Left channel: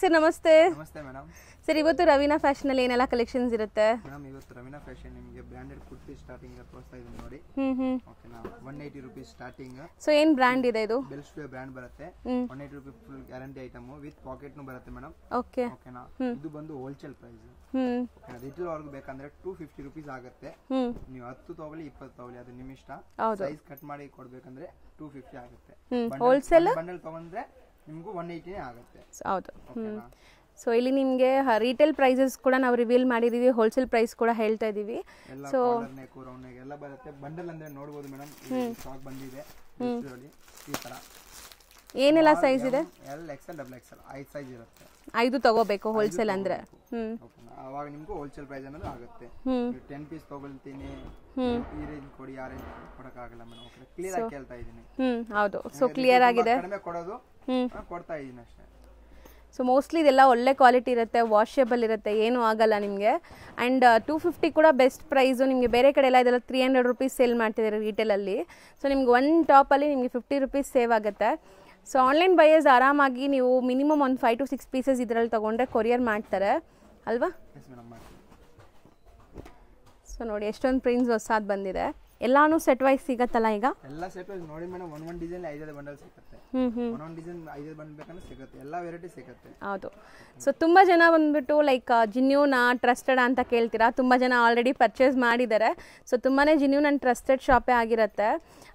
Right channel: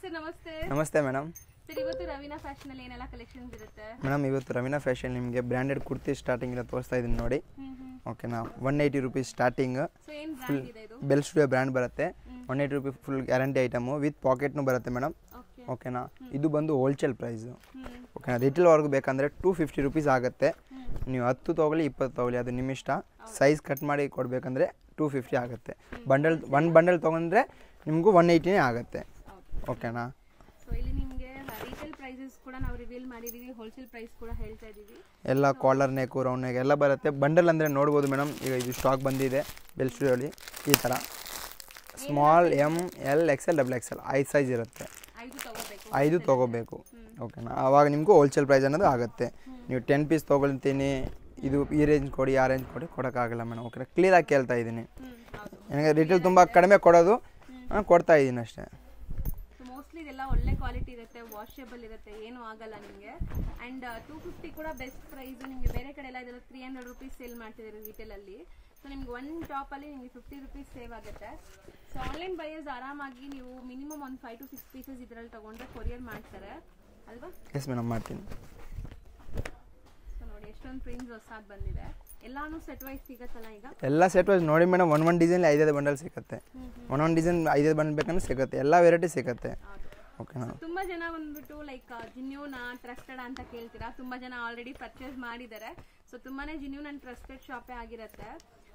Sir ನಮಸ್ತೆ. ನಮಸ್ತೆ madam. Sir ಇವತ್ತು ರವೀನಾ ಫ್ಯಾಷನ್ ಅಲ್ಲಿ ಏನೆಲ್ಲ ಕಲೆಕ್ಷನ್ಸ್ ಇರುತ್ತೆ? ಮೇಡಮ್ ಇವತ್ತು ರವೀನಾ ಫ್ಯಾಷನ್ ನಿಮಗೆ ಬ್ರಾಂಡೆಡ್ ಕುರ್ತಿ ಸ್ಟಾರ್ಟಿಂಗ್ ಇಂದ ತೋರಿಸ್ತಾ ಇದೀನಿ ನೋಡಿ. ಓಕೆನಾ, 180 ರೂಪೀಸ್ ಸ್ಟಾರ್ಟಿಂಗ್. ಸೊ ಏನ್ ಬ್ರಾಂಡ್ ಇದೆ ಇದು? ಬೆಲ್ ಸ್ಟುಡಿಯೋ ಬ್ರಾಂಡ್ ಬರುತ್ತೆ. 180 rupees full guarantee item with packet ನು ಬರುತ್ತೆ ಮೇಡಮ್. ಓಕೆ ಓಕೆನಾ, ಇದು ಬಂದು ಹೋಲ್ಸೇಲ್ ಪ್ರೈಸ್. ಓಕೆನಾ, ರಿಟೇಲ್ ವರ್ಗು ಬೇಕಂದ್ರೆ 250 ರೂಪೀಸ್ ಆಗುತ್ತೆ. ನೀವು 10 ತಗೊಳ್ಳಿ 20 ತಗೊಳ್ಳಿ, ಅದು ನಿಮ್ಮ ಇಷ್ಟ. ಸೈಜ್ ಕಟ್ ಮಾಡಿ ಕೊಡ್ಬೇಕಂದ್ರೆ 250 ಆಗುತ್ತೆ. ಬಂಡಲ್ ತಗೊಂಡ್ರೆ ನಿಮಗೂ 180 ಆಗುತ್ತೆ. ಹೌದು. ಓಕೆನಾ, ಸೊ ಇಲ್ಲಿ ನಿಮಗೆ ರಿಟೇಲ್ ಪ್ರೈಸಸ್ ಕೂಡ ನಾವು ರಿವೀಲ್ ಮಾಡಿದೀವಿ, ಹೋಲ್ಸೇಲ್ ಪ್ರೈಸ್ ಕೂಡ ಹೇಳ್ತಾ ಇದೀವಿ. ಎಲ್ಲ ಕಾಲರ್ ನೆಕ್ ರೌಂಡ್ ನೆಕ್ ಎಲ್ಲ ಬರುತ್ತೆ. ಬಂಡಲ್ ಅಂದ್ರೆ ನೋಡಬಹುದು ಮೇಡಮ್, ಈಗ ಇದು ಸ್ಟಾಕ್ ಬಂದಿದೆ ಬೆಲ್ ಸ್ಟುಡಿಯೋಲಿ. ಈ ತರ ಏನೆಲ್ಲ ಸೈಜ್ ಇದೆ? L XL double XL 5 size ಇರುತ್ತೆ. 5 ತಗೋಬೇಕು ಹೋಲ್ಸೇಲ್ ಅಂದ್ರೆ. ಓಕೆನಾ, ಅವಾಗ ನಿಮ್ಗೂ ಹೋಲ್ಸೇಲ್ ಪ್ರೈಸ್ ಅನ್ನೋದು ಆಗುತ್ತೆ. ನೀವು 10 ಪೀಸ್ ತಗೊಳ್ತೀನಿ, ಇದು ಈ ರೇಂಜ್ ಕೊಡಿ ಆ ರೇಂಜ್ ಕೊಡಿ ಕೊಡಕ್ಕಾಗಲ್ಲ ಮೇಡಮ್. ಓಕೆ, ಕ್ಲಿಯರ್ ಆಗಿ ಕೇಳ್ತಾ ಇದ್ದೀನಿ. ಹೌದು, ರಿಟೇಲ್ ತುಂಬಾ ಕಡಿಮೆ ಕೊಡೋದು, ಕೊಡ್ತಾ ಇದ್ದೀನಿ ಅಷ್ಟೇ. ಸೊ ಮೋಸ್ಟ್ಲಿ ಇದೆಲ್ಲ ಒಳ್ಳೆ ಕ್ವಾಲಿಟಿ ಇರುತ್ತೆ, ವಾಷೇಬಲ್ ಇರುತ್ತೆ, ಏನೂ ಆಗಲ್ಲ ನಿಮಗೆ. ಆ್ಯಂಡ್ 250 ಕೂಡ ಬೆಸ್ಟ್ ಪ್ರೈಸು. ನಿಮಗೆ ಬೇರೆ ಕಡೆ ಎಲ್ಲ ಇದೆಲ್ಲ 300 ರೂಪೀಸ್ ಸೇಲ್ ಮಾಡ್ತಿದ್ದಾರೆ ರಿಟೇಲಲ್ಲಿ. ಸೊ ನಿಮ್ಗೆ ಒನ್ ಟಾಪಲ್ಲಿ ನಿಮಗೆ 50 ರೂಪೀಸ್ ಸೇವ್ ಆಗುತ್ತೆ. ಸೊ ಆನ್ಲೈನ್ ಬೈಯರ್ಸ್ ಆರಾಮಾಗಿ ನೀವು ಮಿನಿಮಮ್ ಒಂದು 5 to 6 ಪೀಸಸ್ ಇದರಲ್ಲಿ ತೊಗೊಂಡ್ರೆ ಕೊರಿಯರ್ ಮಾಡ್ತಾರೆ ಅಲ್ವಾ? ಎಸ್ ಮೇಡಮ್, ಮಾಡ್ತೀನಿ. ಸೊ ನೋಡಿ ಎಷ್ಟೊಂದು ಪ್ರಿಂಟ್ಸ್ ಹೊಸದು ಬಂದಿದೆ. ಎಲ್ಲಾನು ಸೆಟ್ ವೈಸ್ ಸಿಗತ್ತಲ್ಲ ಈಗ? ಎಲ್ಲ ಸೆಟ್ ವೈಸ್ ನೋಡಿ ಮೇಡಮ್, ಒಂದೊಂದು ಡಿಸೈನ್ 5 ಬಂಡಲ್ ಸಿಗುತ್ತೆ. ಒಂದೊಂದು ಡಿಸೈನ್ 5 ಬಂಡಲ್ ಬೇಕಂದ್ರೆ ಸಿಗುತ್ತೆ, ಎಲ್ಲ ವೆರೈಟಿ ಸಿಗುತ್ತೆ. ಹೌದು. ಸೊ ತುಂಬಾ ಜನ ಬಂದ್ಬಿಟ್ಟು ಲೈಕ್ ಜಿನ್ಯೂನಾ ಟ್ರಸ್ಟೆಡ್ ಅಂತ ಕೇಳ್ತೀರಾ. ತುಂಬಾ ಜನ ಆಲ್ರೆಡಿ ಪರ್ಚೇಸ್ ಮಾಡಿದ್ದಾರೆ. ಸೊ ತುಂಬಾನೇ ಜಿನ್ಯೂನ್ ಅಂಡ್ ಟ್ರಸ್ಟೆಡ್ ಶಾಪೇ ಆಗಿರುತ್ತೆ.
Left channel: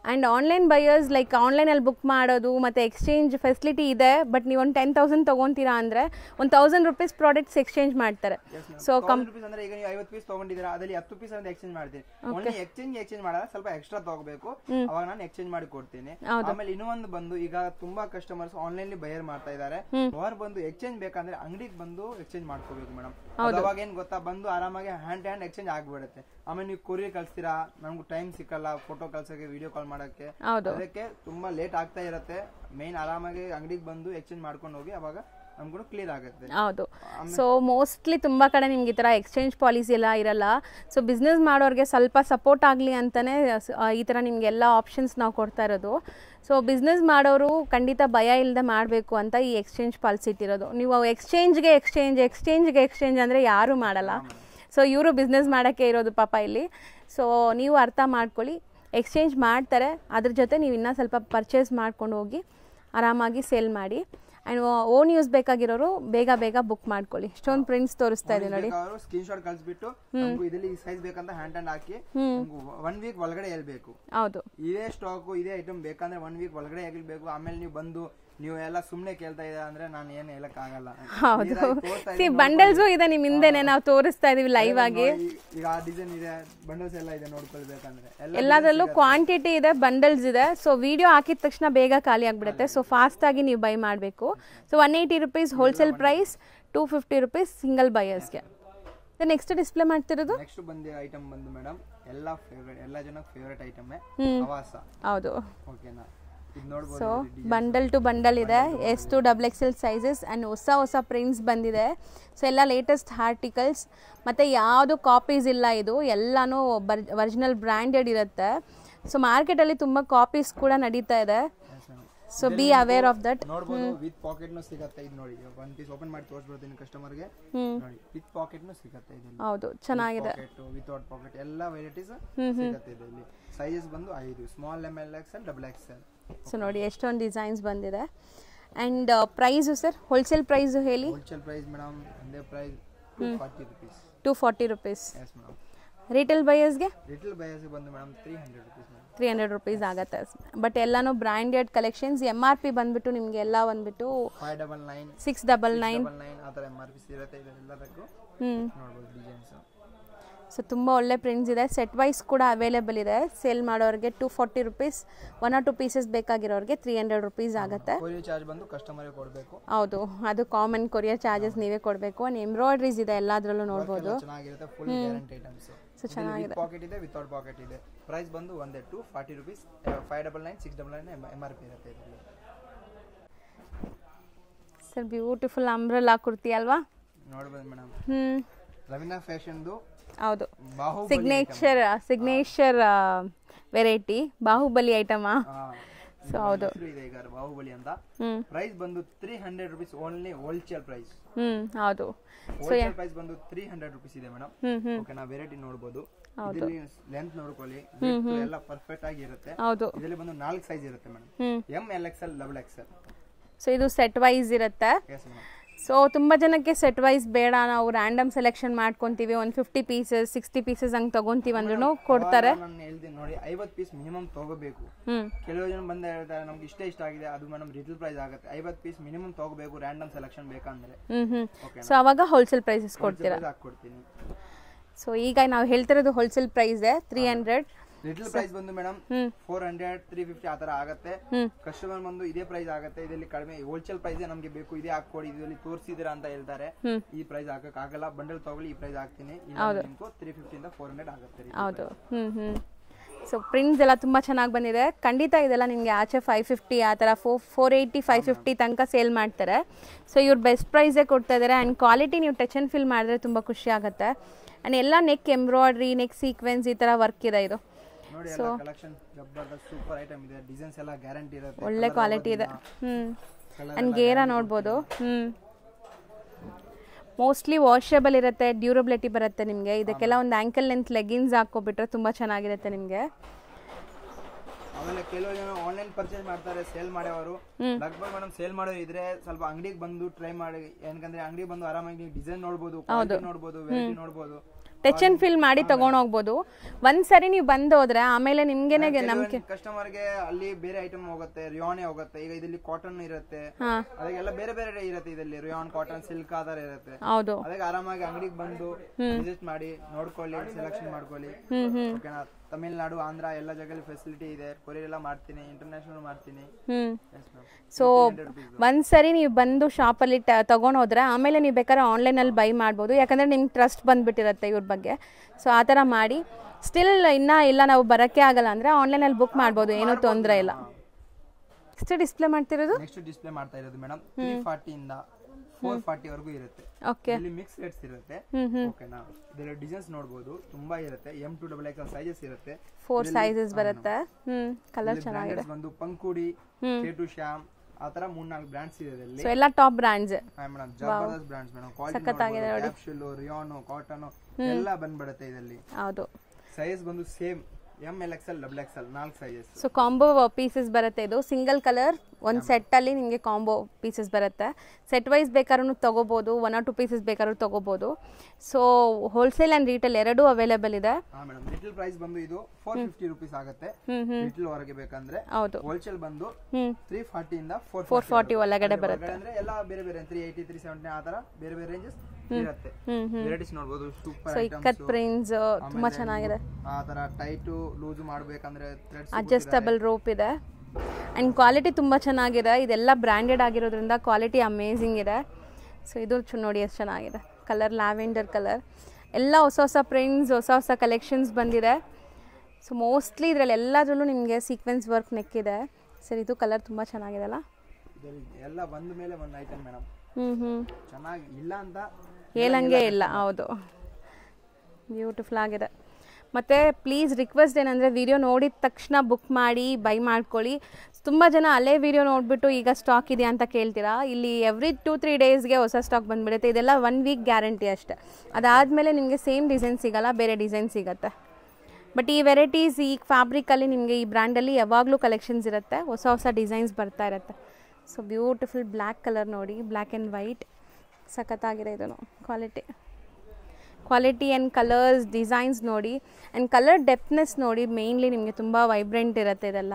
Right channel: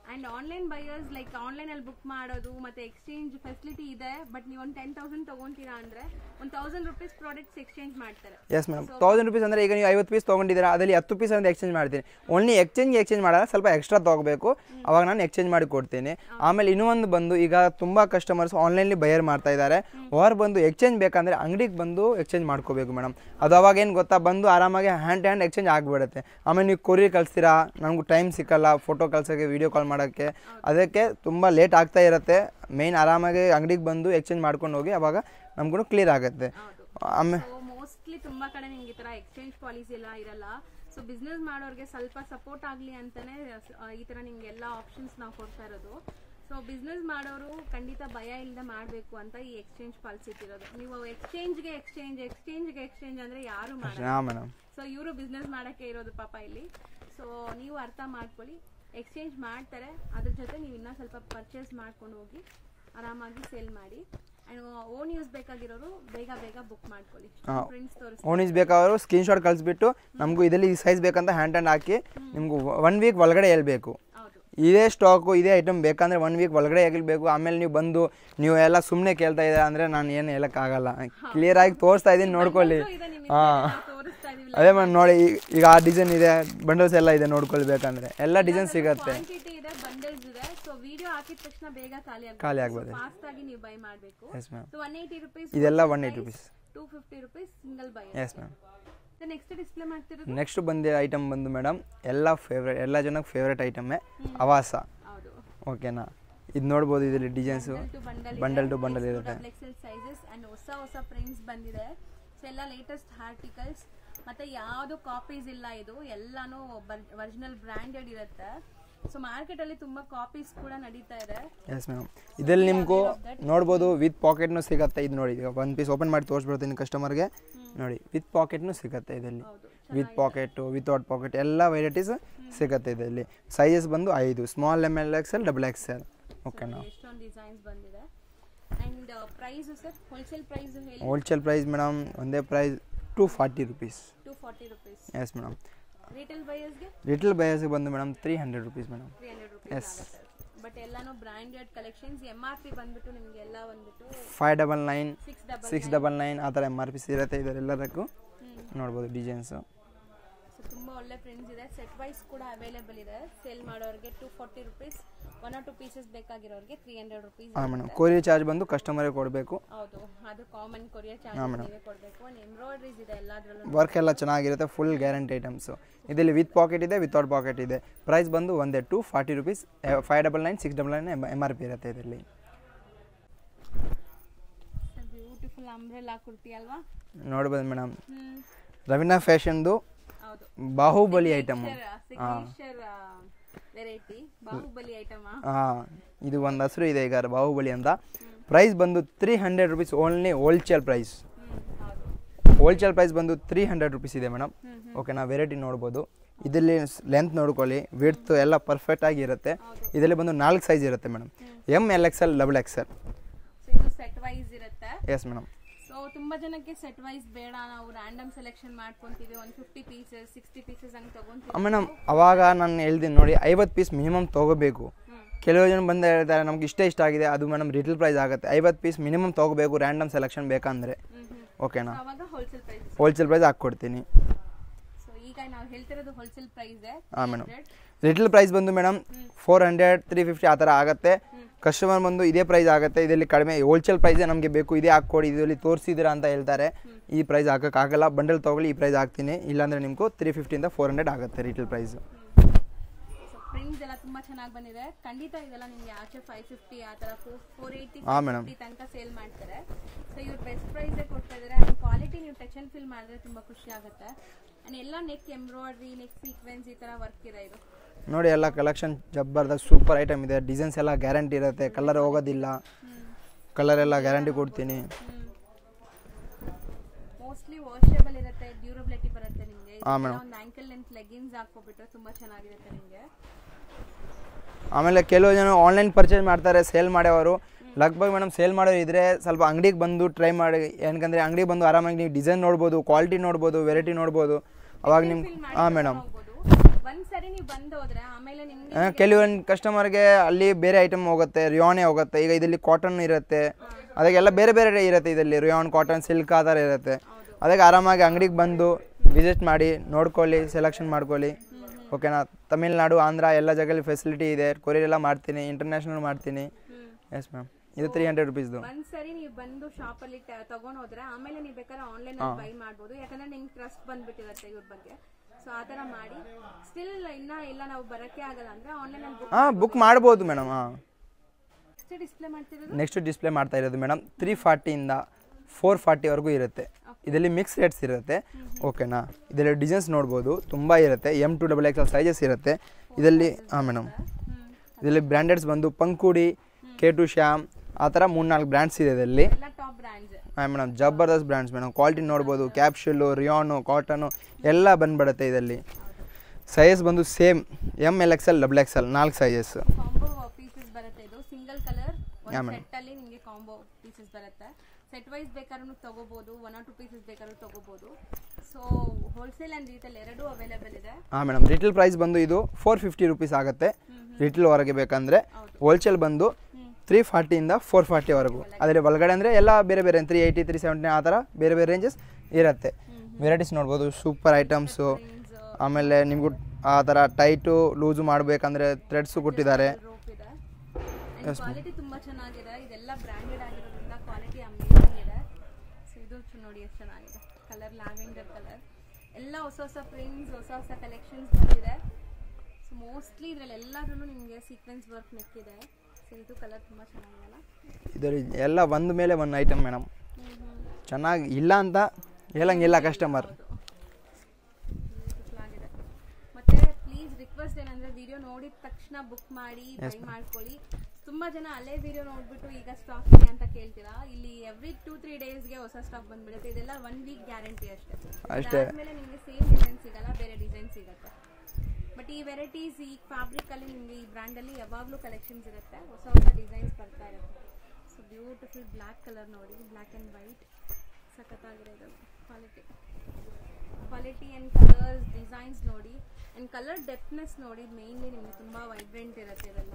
ಆ್ಯಂಡ್ ಆನ್ಲೈನ್ ಬೈಯರ್ಸ್ ಲೈಕ್ ಆನ್ಲೈನಲ್ಲಿ ಬುಕ್ ಮಾಡೋದು ಮತ್ತು ಎಕ್ಸ್ಚೇಂಜ್ ಫೆಸಿಲಿಟಿ ಇದೆ. ಬಟ್ ನೀವು ಒಂದು 10,000 ತೊಗೊತೀರಾ ಅಂದರೆ ಒಂದು 1,000 ರೂಪೀಸ್ ಪ್ರಾಡಕ್ಟ್ಸ್ ಎಕ್ಸ್ಚೇಂಜ್ ಮಾಡ್ತಾರೆ. ಸೊ 1,000 ರೂಪೀಸ್ ಅಂದರೆ ಈಗ ನೀವು 50 ಪೀಸ್ ತೊಗೊಂಡಿದ್ದೀರಾ, ಅದರಲ್ಲಿ 10 ಪೀಸ್ ಅಂತ ಎಕ್ಸ್ಚೇಂಜ್ ಮಾಡ್ತೀನಿ. ಓನ್ಲಿ ಎಕ್ಸ್ಚೇಂಜ್ ಮಾಡಲ್ಲ, ಸ್ವಲ್ಪ ಎಕ್ಸ್ಟ್ರಾ ತಗೋಬೇಕು, ಅವಾಗ ನಾನು ಎಕ್ಸ್ಚೇಂಜ್ ಮಾಡಿ ಕೊಡ್ತೀನಿ. ಆಮೇಲೆ ಇನ್ನೊಂದು ಬಂದು, ಈಗ ತುಂಬಾ ಕಸ್ಟಮರ್ಸ್ ಆನ್ಲೈನ್ಲಿ ಬೈಯರ್ ಮಾಡ್ತಾ ಇದ್ದಾರೆ. ಅವ್ರು ಬಂದು ಎಕ್ಸ್ಚೇಂಜ್ ಬೇಕಂದ್ರೆ ಅಂಗಡಿಗೆ ಬಂದು ಎಕ್ಸ್ಚೇಂಜ್ ಮಾಡ್ಕೋಬೇಕು ಮೇಡಮ್. ಅದು ಅವಾಗ ಏನು ಗೊತ್ತಾ, ಬಂದು ಆರಾಮಾಗಿ ಹ್ಯಾಂಡ್ ಟು ಹ್ಯಾಂಡ್ ಎಕ್ಸ್ಚೇಂಜ್ ಆಗಿಬಿಡುತ್ತೆ. ಆಮೇಲೆ ನೀವು ಕೊರಿಯರ್ ಕಳಿಸ್ತೀರಾ, ನಮಗೂ ಟೈಮ್ ಸಿಕ್ಕಲ್ಲ ಫೋಟೋ ಕಳ್ಸೋಕ್ಕೆ, ವಿಡಿಯೋ ಕಾಲ್ ಮಾಡೋಕ್ಕೆ, ಅದಕ್ಕೆ ತುಂಬಾ ಲೇಟ್ ಆಗ್ತಾ ಇರುತ್ತೆ. ಮೇನ್ ಆರಾಮಾಗಿ ಅಂಗಡಿಗೆ ಬಂದು ಎಕ್ಸ್ಚೇಂಜ್ ಮಾಡ್ಕೊಂಡು ಹೋಗಿ, ಅವಾಗ ನಮ್ಗೂ ಕ್ಲಿಯರ್ ಆಗುತ್ತೆ. ಹೌದು. ಸೊ ಮೋಸ್ಟ್ಲಿ ತುಂಬಾ ಕಡೆ ನಿಮ್ಗೆ ಈ ತರ ಎಕ್ಸ್ಚೇಂಜ್ ಪಾಲಿಸಿ ಎಲ್ಲ ಇರಲ್ಲ. ಸೊ ಬಿಸ್ನೆಸ್ ಮಾಡೋರಿಗೆ ಸ್ವಲ್ಪ ಸಪೋರ್ಟ್ ಆಗಲಿ ಅಂತಾನೆ ಈ ತರ ನಿಮ್ಗೆ ಎಲ್ಲ ಆಪ್ಷನ್ಸ್ ನಾವು ಕೊಡ್ತಾ ಇರೋದು. ಸೊ ಬಿಸ್ನೆಸ್ ಮಾಡೋರು ಖಂಡಿತ ಭಯ ಇಲ್ಲದೆ ಮಾಡಬೇಕು ಅಂತ ಈ ಎಕ್ಸ್ಚೇಂಜ್ ಪಾಲಿಸಿ ಇಟ್ಟಿರೋದು. ನೀವು ಎಕ್ಸ್ಚೇಂಜ್ಗೆ ಎಕ್ಸ್ಚೇಂಜ್ ಅಂದರೆ ಯಾರು ಮಾಡಲ್ಲ. ಸೊ ಇವರು ಬಿಸ್ನೆಸ್ ಮಾಡೋಕ್ಕೆ ಇರೋದು ಪಾಪ ಇಲ್ಲಿ. ಸೊ ನೀವು ಅರ್ಥ ಮಾಡ್ಕೊಳ್ಳಿ, ಎಕ್ಸ್ಚೇಂಜ್ ಮಾಡ್ತಾರೆ, ಅದ್ರ ಜೊತೆ ನೀವು ಇನ್ನೂ ಸ್ವಲ್ಪ ಪರ್ಚೇಸ್ ಮಾಡ್ಕೊಂಡು ಹೋಗಿ ಆರಾಮಾಗಿ ಸೇಲ್ ಮಾಡಿ. ಆ್ಯಂಡ್ ಓನ್ ಯೂಸ್ ಬೇಕಾಗಿರೋರು ಬೇಗ ಬುಕ್ ಮಾಡ್ಕೊಳ್ಳಿ. ಇಷ್ಟೊಂದು ಪ್ರಿಂಟ್ಸ್ ತೋರಿಸ್ತಾರೆ. ಬೇಕಾದ್ರು ಸ್ಕ್ರೀನ್ ಶಾಟ್ ಕಳಿಸ್ಬಿಟ್ಟು ನಮಗೂ ಇದರಲ್ಲಿ ಸೈಜ್ ಬೇಕಂತ ಹ್ಯಾಂಡ್ ಹಾಕಿ ನಿಮ್ಗೆ 1 ವೀಕ್ ಒಳಗಡೆ ಹೇಳ್ಬೇಕು. ಹೌದು, ಇದೇ ಸ್ಟಾಕು ಇದೇ ಐಟಮ್ ಬೇಕಂದ್ರೆ 1 ವೀಕ್ ಒಳಗಡೆ ಹೇಳ್ಬೇಕು. ಆಮೇಲೆ ನೀವು ಬಂದು ನೀವು ಎಲ್ಲ ಸುಮ್ಮನೆ ಕೇಳ್ತಾ ಇದ್ದೀರಾ ಅಂದ್ರೆ ನಾನು ಏನು ಹೇಳಕ್ ಆಗಲ್ಲ. ಕ್ಲಿಯರ್ ಆಗಿ ತೋರಿಸ್ತಾ ಇದೀನಿ, ನಾವು ತೋರಿಸ್ತಾ ಇದೀವಿ ಲೈವ್ ಆಗಿ. ನೋಡಿ, ಈಗ ಆ ಡಿಸೈನ್ ಇದೆ, ಬಂಡಲ್ಸ್ ಎಲ್ಲ ಇದೆ, ನೋಡ್ಕೊಳ್ಬೇಕಂದ್ರೆ ಎಲ್ಲದರಲ್ಲೂ ಕ್ವಾಂಟಿಟಿ ಇದೆ, ಬಂಡಲ್ಸ್ ಇದೆ. ಸೊ ವಿಡಿಯೋ ಹಾಕಿದ ತಕ್ಷಣ ಬೇಗ ಖಾಲಿ ಆಗ್ಬಿಡುತ್ತೆ. ಸೊ ಫಾಸ್ಟ್ ಆಗಿ ನೀವು ಬೈ ಮಾಡಬೇಕು. So 180 rupees wholesale price, 250 rupees single ಬೈಯರ್ಸ್ಗೆ. ನೆಕ್ಸ್ಟ್ ಡಿಸ್ಪ್ಲೇ ಮಾಡ್ತಿರೋದು ನೆಕ್ಸ್ಟ್ ಬಂದ ಐಟಮ್ ಬಂದು ಮೇಡಮ್ ಎಲ್ಲ ಜನಕ್ಕೆ ಫೇವರೇಟ್ ಐಟಮ್ ಆವಾಸ. ಹೌದು, ಓಕೆನಾ. ಇದು ನೋಡಬಹುದು, ಇದರಲ್ಲಿ ಡಿಸೈನ್ಸ್ ಬಂಡಲ್ ಟು ಬಂಡಲ್ ಇದೆ, S to XXL sizes and ಹೊಸ ಪ್ರಿಂಟ್ಸ್ ಬಂದಿದೆ. ಸೊ ಎಲ್ಲ ಲೇಟೆಸ್ಟ್ ಆರ್ಟಿಕಲ್ಸ್, ಮತ್ತೆ ಯಾವುದು ಕಾಪೀಸ್ ಇಲ್ಲ, ಇದು ಎಲ್ಲಾನು ಒರಿಜಿನಲ್ ಬ್ರ್ಯಾಂಡೆಡ್ ಇರುತ್ತೆ. ಸೊ ಮಾರ್ಕೆಟ್ ಅಲ್ಲಿ ತುಂಬಾ ಕಾಪೀಸ್ ಕೂಡ ನಡೀತಾ ಇದೆ. So be aware of that. ನೋಡಬಹುದು, ವಿತ್ ಪಾಕೆಟ್ ನು ಸಿಗುತ್ತೆ. ಇದು ನೋಡಿ, ಒಂದು ಪೀಸ್ ಓಪನ್ ಮಾಡಿ ತೋರಿಸ್ಬಿಡ್ತೀನಿ ಕಸ್ಟಮರ್ ಗೆ. ನೋಡಿ, ವಿತ್ ಪಾಕೆಟ್ ನು ಸಿಗುತ್ತೆ ಇದರಲ್ಲಿ. ಹೌದು, ಚೆನ್ನಾಗಿದೆ. ಪಾಕೆಟ್, ವಿತೌಟ್ ಪಾಕೆಟ್ ಎಲ್ಲ ವೆರೈಟೀಸ್ ಸಿಗುತ್ತೆ ಇದರಲ್ಲಿ. ಸೈಜಸ್ ಬಂದು 5, small ML XL double XL. So ನೋಡಿ ಎಷ್ಟೊಂದು ಡಿಸೈನ್ಸ್ ಬಂದಿದೆ. And price sir, wholesale price ಹೇಳಿ. ಹೋಲ್ಸೇಲ್ ಪ್ರೈಸ್ ಮೇಡಮ್ ಒಂದೇ price 240 rupees. 240 rupees. Yes madam. Retail ಬೈಯರ್ಸ್ಗೆ ಬಂದು ಮೇಡಮ್ 300 ರೂಪೀಸ್ ಮೇಡಮ್. 300 ರೂಪೀಸ್ ಆಗುತ್ತೆ. ಬಟ್ ಎಲ್ಲಾನು ಬ್ರಾಂಡೆಡ್ ಕಲೆಕ್ಷನ್ಸ್. MRP ಬಂದ್ಬಿಟ್ಟು ನಿಮಗೆ ಎಲ್ಲ ಬಂದ್ಬಿಟ್ಟು 599, 699 ಆ ಥರ MRP ಇರುತ್ತೆ ಇದೆಲ್ಲದಕ್ಕೂ. ನೋಡ್ಬೋದು ಡಿಸೈನ್ಸ್. ಸೊ ತುಂಬ ಒಳ್ಳೆ ಪ್ರಿಂಟ್ಸ್ ಇದೆ. ಸೆಟ್ ವೈಸ್ ಕೂಡ ಅವೈಲೇಬಲ್ ಇದೆ. ಸೇಲ್ ಮಾಡೋರಿಗೆ 240 ರೂಪೀಸ್, 1 or 2 ಪೀಸಸ್ ಬೇಕಾಗಿರೋರಿಗೆ 300 ರೂಪೀಸ್ ಆಗುತ್ತೆ. ಕೊರಿಯರ್ ಚಾರ್ಜ್ ಬಂದು ಕಸ್ಟಮರ್ಗೆ ಕೊಡಬೇಕು. ಹೌದು, ಅದು ಕಾಮನ್ ಕೊರಿಯರ್ ಚಾರ್ಜಸ್ ನೀವೇ ಕೊಡಬೇಕು. ಅಂಡ್ ಎಂಬ್ರಾಯ್ಡ್ರೀಸ್ ಇದೆ ಎಲ್ಲದರಲ್ಲೂ. ವರ್ಕ್ ಎಲ್ಲ ಚೆನ್ನಾಗಿರುತ್ತೆ, ಫುಲ್ ಗ್ಯಾರಂಟಿ ಐಟಮ್ಸ್. ಇದರಲ್ಲಿ ವಿತ್ ಪಾಕೆಟ್ ಇದೆ, ವಿತೌಟ್ ಪಾಕೆಟ್ ಇದೆ. ಪ್ರೈಸ್ ಬಂದು ಒಂದೇ 240 ರೂಪೀಸ್. 599, 699 MRP ಇರುತ್ತೆ ಇದರಲ್ಲಿ. ಸರ್ ಬ್ಯೂಟಿಫುಲ್ ಅಂಬ್ರೆಲಾ ಕುರ್ತಿ ಅಲ್ವಾ? ನೋಡ್ಬೋದು ಮೇಡಮ್, ರವೀನಾ ಫ್ಯಾಷನ್ದು. ಹೌದು, Baahubali item, signature variety Baahubali item. ಇದು ಒಂದು ಹೆಸರು ಇದೆ ಈಗ ಬಾಹುಬಲಿ ಅಂತ. ಪ್ರೈಸ್ ಬಂದು 300 rupees ಓನ್ಲಿ ಹೋಲ್ಸೇಲ್ ಪ್ರೈಸ್. ಹೌದು, ಹೋಲ್ಸೇಲ್ ಪ್ರೈಸ್ ಬಂದು 300 rupees ಇದೆ ಮೇಡಮ್. ಓಕೆನಾ, ವೆರೈಟಿ ನೋಡ್ಬೋದು. ಇದರಲ್ಲಿ ಲೆಂತ್ ನೋಡ್ಕೊಳ್ಳಿ, ವಿಡ್ತ್ ಎಲ್ಲ ಪರ್ಫೆಕ್ಟ್ ಆಗಿ ಇರುತ್ತೆ. ಇದರಲ್ಲಿ ಬಂದು 4 ಸೈಜ್ ಇರುತ್ತೆ madam, M L XL double XL. So ಇದು ಸೆಟ್ ವೈಸ್ ಇರುತ್ತೆ. Yes madam. ಸೊ ತುಂಬ ಜನಕ್ಕೆ ಸೆಟ್ ವೈಸ್ ಬೇಡ, ನಾವು ರ್ಯಾಂಡಮ್ ಸೆಲೆಕ್ಷನ್ ಮಾಡ್ಕೊಂತೀವಿ, ಒಂದು 50 pieces 60 pieces ಹಂಗೆ ತಗೊಂತೀವಿ ಅನ್ನೋ ಅವಾಗ ನಾನು ಹೇಳ್ತೀನಿ ನೋಡಿ, 50 ಪೀಸ್ ಮಿನಿಮಮ್ ತಗೋಬೇಕು. ಕೆಲವು ಜನ ಬಂದ ಹೇಳ್ತಾರೆ ನಮ್ಗೆ ಇಷ್ಟ ಆಗಿದೆ, ಅದು ಮೇಡಮ್ ರಿಟೇಲ್ ಪ್ರೈಸ್ ಆಗುತ್ತೆ. 50 ಪೀಸ್ ಮಿನಿಮಮ್ ತಗೋಬೇಕು ರ್ಯಾಂಡಮ್ ಸೆಲೆಕ್ಷನ್ ಬೇಕಂದ್ರೆ. ಓಕೆ, ಸೊ ಅವಾಗ ಹೋಲ್ಸೇಲ್ ಪ್ರೈಸ್ ಹಾಕೊಡ್ತೀನಿ. ಸೊ ಈಗ ನಾವು ಹೇಳ್ತಿರೋದು ಹೋಲ್ಸೇಲ್ ಪ್ರೈಸ್ 300. ರಿಟೇಲ್ ಪ್ರೈಸ್ ಬಂದು ಮೇಡಮ್ 400 350 ಆ ಥರ ಆಗುತ್ತೆ. ಕಸ್ಟಮರ್ ಬಂದು ಇದೇ ಪ್ರೈಸ್ ಆಗುತ್ತೆ, ಇದರಲ್ಲಿ ಕಡಿಮೆ ಹೋಲ್ಸೇಲ್ ಪ್ರೈಸ್ ನಮಗೆ ಬೇಕು, ಇದೇ ಹಾಕೊಡಿ, ಇದರಲ್ಲಿ ತೋರಿಸಿದಿರಾ ಅಂತ ಹೇಳ್ತಾರೆ. ಈ ಪ್ರೈಸ್ ಹಾಕಕ್ಕಾಗಲ್ಲ, ಬಂಡಲ್ ತಗೊಳ್ಳಿ, ಈ ಪ್ರೈಸ್ ಹಾಕ್ತೀನಿ, ಇಲ್ಲಾಂದ್ರೆ ನಿಮ್ಗೆ 350 ಇಂದ 400 ಆಗುತ್ತೆ ರಿಟೇಲ್ ಪ್ರೈಸ್. ಸೊ ಪ್ರಿಂಟ್ಸ್ ಎಲ್ಲ ತುಂಬ ಚೆನ್ನಾಗಿ ಬಂದಿದೆ. ಖಂಡಿತ ಇದೆಲ್ಲ ನಿಮಗೆ ಆಚೆ 550 ಆ ಥರ 480 550 ತನಕ ಸೇಲ್ ಮಾಡ್ತಾರೆ. ಸೊ ಇವ್ರು ಬೆಸ್ಟ್ ಪ್ರೈಸೇ ಕೊಡ್ತಾ ಇದ್ದಾರೆ. ಆ್ಯಂಡ್ ಕ್ವಾಲಿಟಿ ನೀವು ಟಚ್ ಆ್ಯಂಡ್ ಫೀಲ್ ಮಾಡಿದ್ರೆ ತುಂಬ ಖುಷಿ ಆಗುತ್ತೆ. ಆ್ಯಂಡ್ ಎಲ್ಲ ನೆಕ್ ಎಂಬ್ರಾಯ್ಡ್ರಿ, ನೆಕ್ ಸೀಕ್ವೆನ್ಸ್ ಈ ಥರ ವರ್ಕ್ ಇದೆ. ಇದು ನೋಡಿ, ಎಲ್ಲ ಕಲೆಕ್ಷನ್ ಜಬರ್ದಸ್ತ್ ಸೂಪರ್ ಐಟಮ್ ಇದೆ. ಡಿಸೈನ್ಸ್ ಎಲ್ಲ ಗ್ಯಾರಂಟಿ ಇರುತ್ತೆ, ಕಲರ್ ಹೋಗೋದಿಲ್ಲ, ಕಲರ್ ಎಲ್ಲ ಗ್ಯಾರಂಟಿ ನೋಡಬಹುದು. ಮೋಸ್ಟ್ಲಿ ವಾಷೇಬಲ್ ಇರುತ್ತೆ, ಡ್ಯೂರಬಿಲಿಟಿ ಬರುತ್ತೆ ನಿಮಗೆ. ಇದಕ್ಕೆಲ್ಲ ಒಂದು ಆಂಕಲ್ ಲೆಂತ್ ಲೆಗಿನ್ಸ್ ಹಾಕೋಬಿಟ್ರೆ ತುಂಬಾ ಚೆನ್ನಾಗಿರುತ್ತೆ ನಿಮಗೆ. ಆಮೇಲೆ ಕೆಲವು ಜನ ಆನ್ಲೈನ್ ಪರ್ಚೇಸ್ ಮಾಡ್ತಾರೆ, ಸೇಲ್ ಮಾಡೋರು. ಲಗ್ಭಗ್ ಮೇಡಮ್ ಸೇಲ್ ಮಾಡೋರು ಇದ್ರೆ ಸ್ವಲ್ಪ ಅಂಗಡಿಗೆ ಬಂದು ಟ್ರೈ ಮಾಡಿ, ಏನಕಂದ್ರೆ ಅಂಗಡಿಗೆ ಬಂದು ಆರಾಮಾಗಿ ನೀವು ಡಿಸೈನ್ ನೋಡ್ಬೋದು, ಕ್ವಾಲಿಟಿ ನೋಡ್ಬೋದು, ವೆರೈಟಿ ನೋಡ್ಬೋದು, ಟಚ್ ಅಂಡ್ ಫೀಲ್ ಮಾಡಿ ತಗೊಂಡು ಹೋಗ್ಬೋದು. ಒಂದ್ಸರಿ ನೀವು ಬಂದು ಹೋದ್ರೆ ಆಮೇಲೆ ನಿಮ್ಗೆ ಕೆಲವೊಂದು ಕಸ್ಟಮರ್ಗೆ ಅಲ್ಲಿ ಬೇರೆ ಐಟಮ್ ಹೋಗುತ್ತೆ, ರಿಯಾನೇ ಹೋಗುತ್ತೆ. ಈಗ ಇದರಲ್ಲಿ ಕಾಟನ್ ಇರುತ್ತೆ, ಅದಕ್ಕೆಲ್ಲ ಬೇರೆ ಬೇರೆ ಇರುತ್ತೆ. ಇದರಲ್ಲಿ ರಿಯಾನ್, ಕಾಟನ್, ಸಿಲ್ಕ್ ಆ ಥರ ಇರುತ್ತೆ. ಅದಕ್ಕೆ ಆರಾಮಾಗಿ ಅಂಗಡಿಗೆ ಬಂದು ವಿಸಿಟ್ ಮಾಡಿ ನೋಡ್ಕೊಳ್ಳಿ, ಸೆಲೆಕ್ಷನ್ ಮಾಡ್ಕೊಳ್ಳಿ. ಓಕೆನಾ, ತಮಿಳ್ನಾಡು, ಆಂಧ್ರ ಎಲ್ಲ ಜಾಗದಲ್ಲಿ ಫೆಸಿಲಿಟಿ ಇದೆ. ಕೊರಿಯರ್ ಎಲ್ಲ ಮಾಡ್ತೀನಿ, ಇಂಟರ್ನ್ಯಾಷನಲ್ ಮಾಡ್ತೀನಿ. S ma'am. ಸೊ ಒಂದ್ಸರಿ ನೀವು ಬಂದು ಶಾಪಲ್ಲಿ ತಗೊಂಡು ಹೋದ್ರೆ ಆಮೇಲೆ ನೀವು ಬೇಕಾದ್ರೆ ಆನ್ಲೈನಲ್ಲಿ ಬೈ ಮಾಡ್ಬೋದು, ಯಾಕಂದ್ರೆ ನಿಮ್ಗೆ ಟ್ರಸ್ಟ್ ಬಂದ್ಬಿಟ್ಟಿರುತ್ತೆ ಇವ್ರ ಬಗ್ಗೆ. ಸೊ ಆ ಥರ ಮಾಡಿ ಸ್ಟಿಲ್ ಇಲ್ಲ ನಾವು ಬರಕ್ಕೆ ಆಗಲ್ಲ ಅಂದ್ರೆ ಆನ್ಲೈನಲ್ಲಿ ಬುಕ್ ಮಾಡ್ಬೋದು, ತೊಂದರೆ ಇಲ್ಲ. ನೆಕ್ಸ್ಟ್ ಡಿಸ್ಪ್ಲೇ ಮಾಡ್ತಿರೋದು, ನೆಕ್ಸ್ಟ್ ಡಿಸ್ಪ್ಲೇ ಮಾಡ್ತಾ ಇರೋದು ಮೇಡಮ್ 340 ಇಂದ 440 ವರೆಗೂ ಇರುತ್ತೆ. ಇದರಲ್ಲಿ ಮಿಕ್ಸ್ ರೇಟ್ಸ್ ಇರುತ್ತೆ. ಓಕೆನಾ, ಇದರಲ್ಲಿ ಡಿಸೈನ್ಸ್ ನೋಡಬಹುದು, ತುಂಬಾ ಇರುತ್ತೆ. M2 XXL ಸೈಜಸ್ ಇರುತ್ತೆ ಇದರಲ್ಲಿ. ಬ್ರಾಂಡೆಡ್ಸ್ ಬಂದು ಪಂಕುಡಿ, K2 ಶ್ಯಾಮ್, ಆ ತರ 3-4 ಬ್ರಾಂಡ್ಸ್ ಇದೆ ಇದರಲ್ಲಿ. ಎಲ್ಲ ಟಾಪ್ ಬ್ರಾಂಡ್ಸ್ ಮೇಡಮ್, ಜಬರ್ದಸ್ತ್ ಬ್ರಾಂಡ್ಸ್ ಮೇಡಮ್. ಕ್ವಾಲಿಟಿ ನೋಡಬಹುದು, ಕ್ಯಾಪ್ಸೂಲ್, ರಿಯಾನ್, ಕಾಟನ್ ಎಲ್ಲ ಬಂದ್ಬಿಡುತ್ತೆ ಇದರಲ್ಲಿ. ಸೈಜ್ ಬಂದು same ML XL double XL 4 sizes. So combo pieces ಬರುತ್ತೆ. ಇದು ಸಿಂಗಲ್ ಕಲರ್ ಒಂದು ಸೆಟ್ ಅಲ್ಲಿ ನಿಮಗೆ ಕಾಂಬೋ ಪೀಸಸ್ ಬರುತ್ತೆ. ಸೆಟ್ ವೈಸ್ ಬೇಕಾದ್ರೂ ತಗೋಬಹುದು, 1 or 2 ಪೀಸಸ್ ಬೇಕಾದ್ರೂ ತಗೋಬಹುದು. ಸೊ ಹೋಲ್ಸೇಲ್ ಅಂಡ್ ರಿಟೇಲ್ ಎರಡೂ ಅವೈಲೇಬಲ್ ಇದೆ. ಮೇಡಮ್, ರಿಟೇಲ್ ಪ್ರೈಸ್ ಬಂದು ಇದು 450 rupees ಆಗುತ್ತೆ ರಿಟೇಲ್ ಹೊರಗೆ ಬೇಕಂದ್ರೆ. ಹೋಲ್ಸೇಲ್ ಬಂದು 340 ಇಂದ 440 ಒಳಗಡೆ ಅಂದ್ರೆ ಎಲ್ಲ ಬೇರೆ ಬೇರೆ 380 370 ಆ ತರ ಬೇರೆ ಬೇರೆ ರೇಂಜಸ್ ಇರುತ್ತೆ. ವೆರೈಟೀಸ್ ನೋಡಬಹುದು, ಸೂಪರ್ ಐಟಮ್ಸ್. ಆಮೇಲೆ ನೀವು ಆ ತರ ಟೈಟ್ ಲೂಸ್ ಮಾಡಬೇಕಂದ್ರೆ ಥ್ರೆಡ್ಸ್ ಕೊಟ್ಟಿದ್ದಾರೆ, ರೋಪ್ ಇದೆ. ಅಂಡ್ ಕ್ವಾಲಿಟಿ ತುಂಬಾ ಚೆನ್ನಾಗಿದೆ. ಇದೆಲ್ಲ ಬ್ರಾಂಡೆಡ್ ಆಗಿರೋದ್ರಿಂದ ಕ್ವಾಲಿಟಿ ಅಮೇಜಿಂಗ್ ಇದೆ. ಸೊ ಇದು ನೋಡಿ ಎಷ್ಟು ಚೆನ್ನಾಗಿದೆ. ಕಲರ್ ಲ್ಯಾವೆಂಡರ್ ಕಲರ್, ಎಲ್ಲ ಹೊಸ ಹೊಸ ಪ್ರಿಂಟ್ಸ್, ಹೊಸ ಕಲೆಕ್ಷನ್ಸ್ ಬಂದಿದೆ. ಸೊ ಮೋಸ್ಟ್ಲಿ ಇದರಲ್ಲಿ ಎಲ್ಲದರಲ್ಲೂ ನಿಮಗೆ ಸೀಕ್ವೆನ್ಸ್ ವರ್ಕ್ ನೆಕ್ ಇದೆ. ಸರ್ ಇದು ಕಲರ್ ತುಂಬಾ ಚೆನ್ನಾಗಿದೆ ಅಲ್ಲ. ಇದರಲ್ಲಿ ಎಲ್ಲ ಒಂದ್ ಮೇಲೆ ಒಂದು ಐಟಮ್ ಮೇಡಮ್. ಚೆನ್ನಾಗಿ ಇಲ್ಲ ಅಂತ ಹೇಳಂಗಿಲ್ಲ ಕಸ್ಟಮರ್. ಹೌದು, ಬ್ಯೂಟಿಫುಲ್ ಆಗಿದೆ. ಮತ್ತು ಪ್ಲೀಸ್ ರಿಕ್ವೆಸ್ಟ್ ಏನಂದರೆ ವಿಡಿಯೋ ನೋಡಿದ ತಕ್ಷಣ ಬುಕ್ ಮಾಡಿ ಬೈ ಮಾಡ್ಕೊಳ್ಳಿ. ತುಂಬ ಜನ ಅಲ್ಲೇ ವಿಡಿಯೋ ನೋಡಿಬಿಟ್ಟು ಈಗ ಸ್ಟಾಕ್ ಇದೆ ಅಂತ ಕೇಳ್ತೀರಾ. ಇಲ್ಲಿ ಎವ್ರಿ 2-3 ಡೇಸ್ಗೆ ಹೊಸ ಸ್ಟಾಕ್ ಬಂದುಬಿಡುತ್ತೆ. ಇದೆಲ್ಲ 1 ವೀಕ್ ಗ್ಯಾರಂಟಿ ಅಷ್ಟೇ. ಅದಾದಮೇಲೆ ನಿಮಗೆ ಸೇಮ್ ಡಿಸೈನ್ ಸಿಗೋಲ್ಲ, ಬೇರೆ ಡಿಸೈನ್ ಸಿಗುತ್ತೆ. ಬಟ್ ಈ ವೆರೈಟೀಸ್, ಈ ಫ್ಯಾಬ್ರಿಕಲ್ಲಿ ನಿಮಗೆ ಈ ಬ್ರ್ಯಾಂಡಲ್ಲಿ ಯಾವಾಗಲೂ ಕಲೆಕ್ಷನ್ಸ್ ಇರುತ್ತೆ, ಹೊಸ ಹೊಸ ಡಿಸೈನ್ಸ್ ಬರ್ತಾ ಇರುತ್ತೆ. ಸೊ ಬ್ಯೂಟಿಫುಲ್ ಬ್ಲ್ಯಾಕ್ ಕಲರ್ ನೋಡಿ, ಬ್ಲ್ಯಾಕ್ ಆ್ಯಂಡ್ ವೈಟ್, ಸಖತ್ತಾಗಿದೆ ಇದನ್ನು. ಕ್ವಾಲಿಟಿ ಆ್ಯಂಡ್ ಕಲರ್ಸ್, ಡಿಸೈನ್ಸ್ ನೋಡಿ. ಆ್ಯಂಡ್ ಕಲರ್ ಡೆಪ್ತ್ನೆಸ್ ನೋಡಿ, ಮೇಯ್ನ್ಲಿ ನಿಮಗೆ ತುಂಬ ವೈಬ್ರೆಂಟ್ ಇರುತ್ತೆ ಇದೆಲ್ಲ.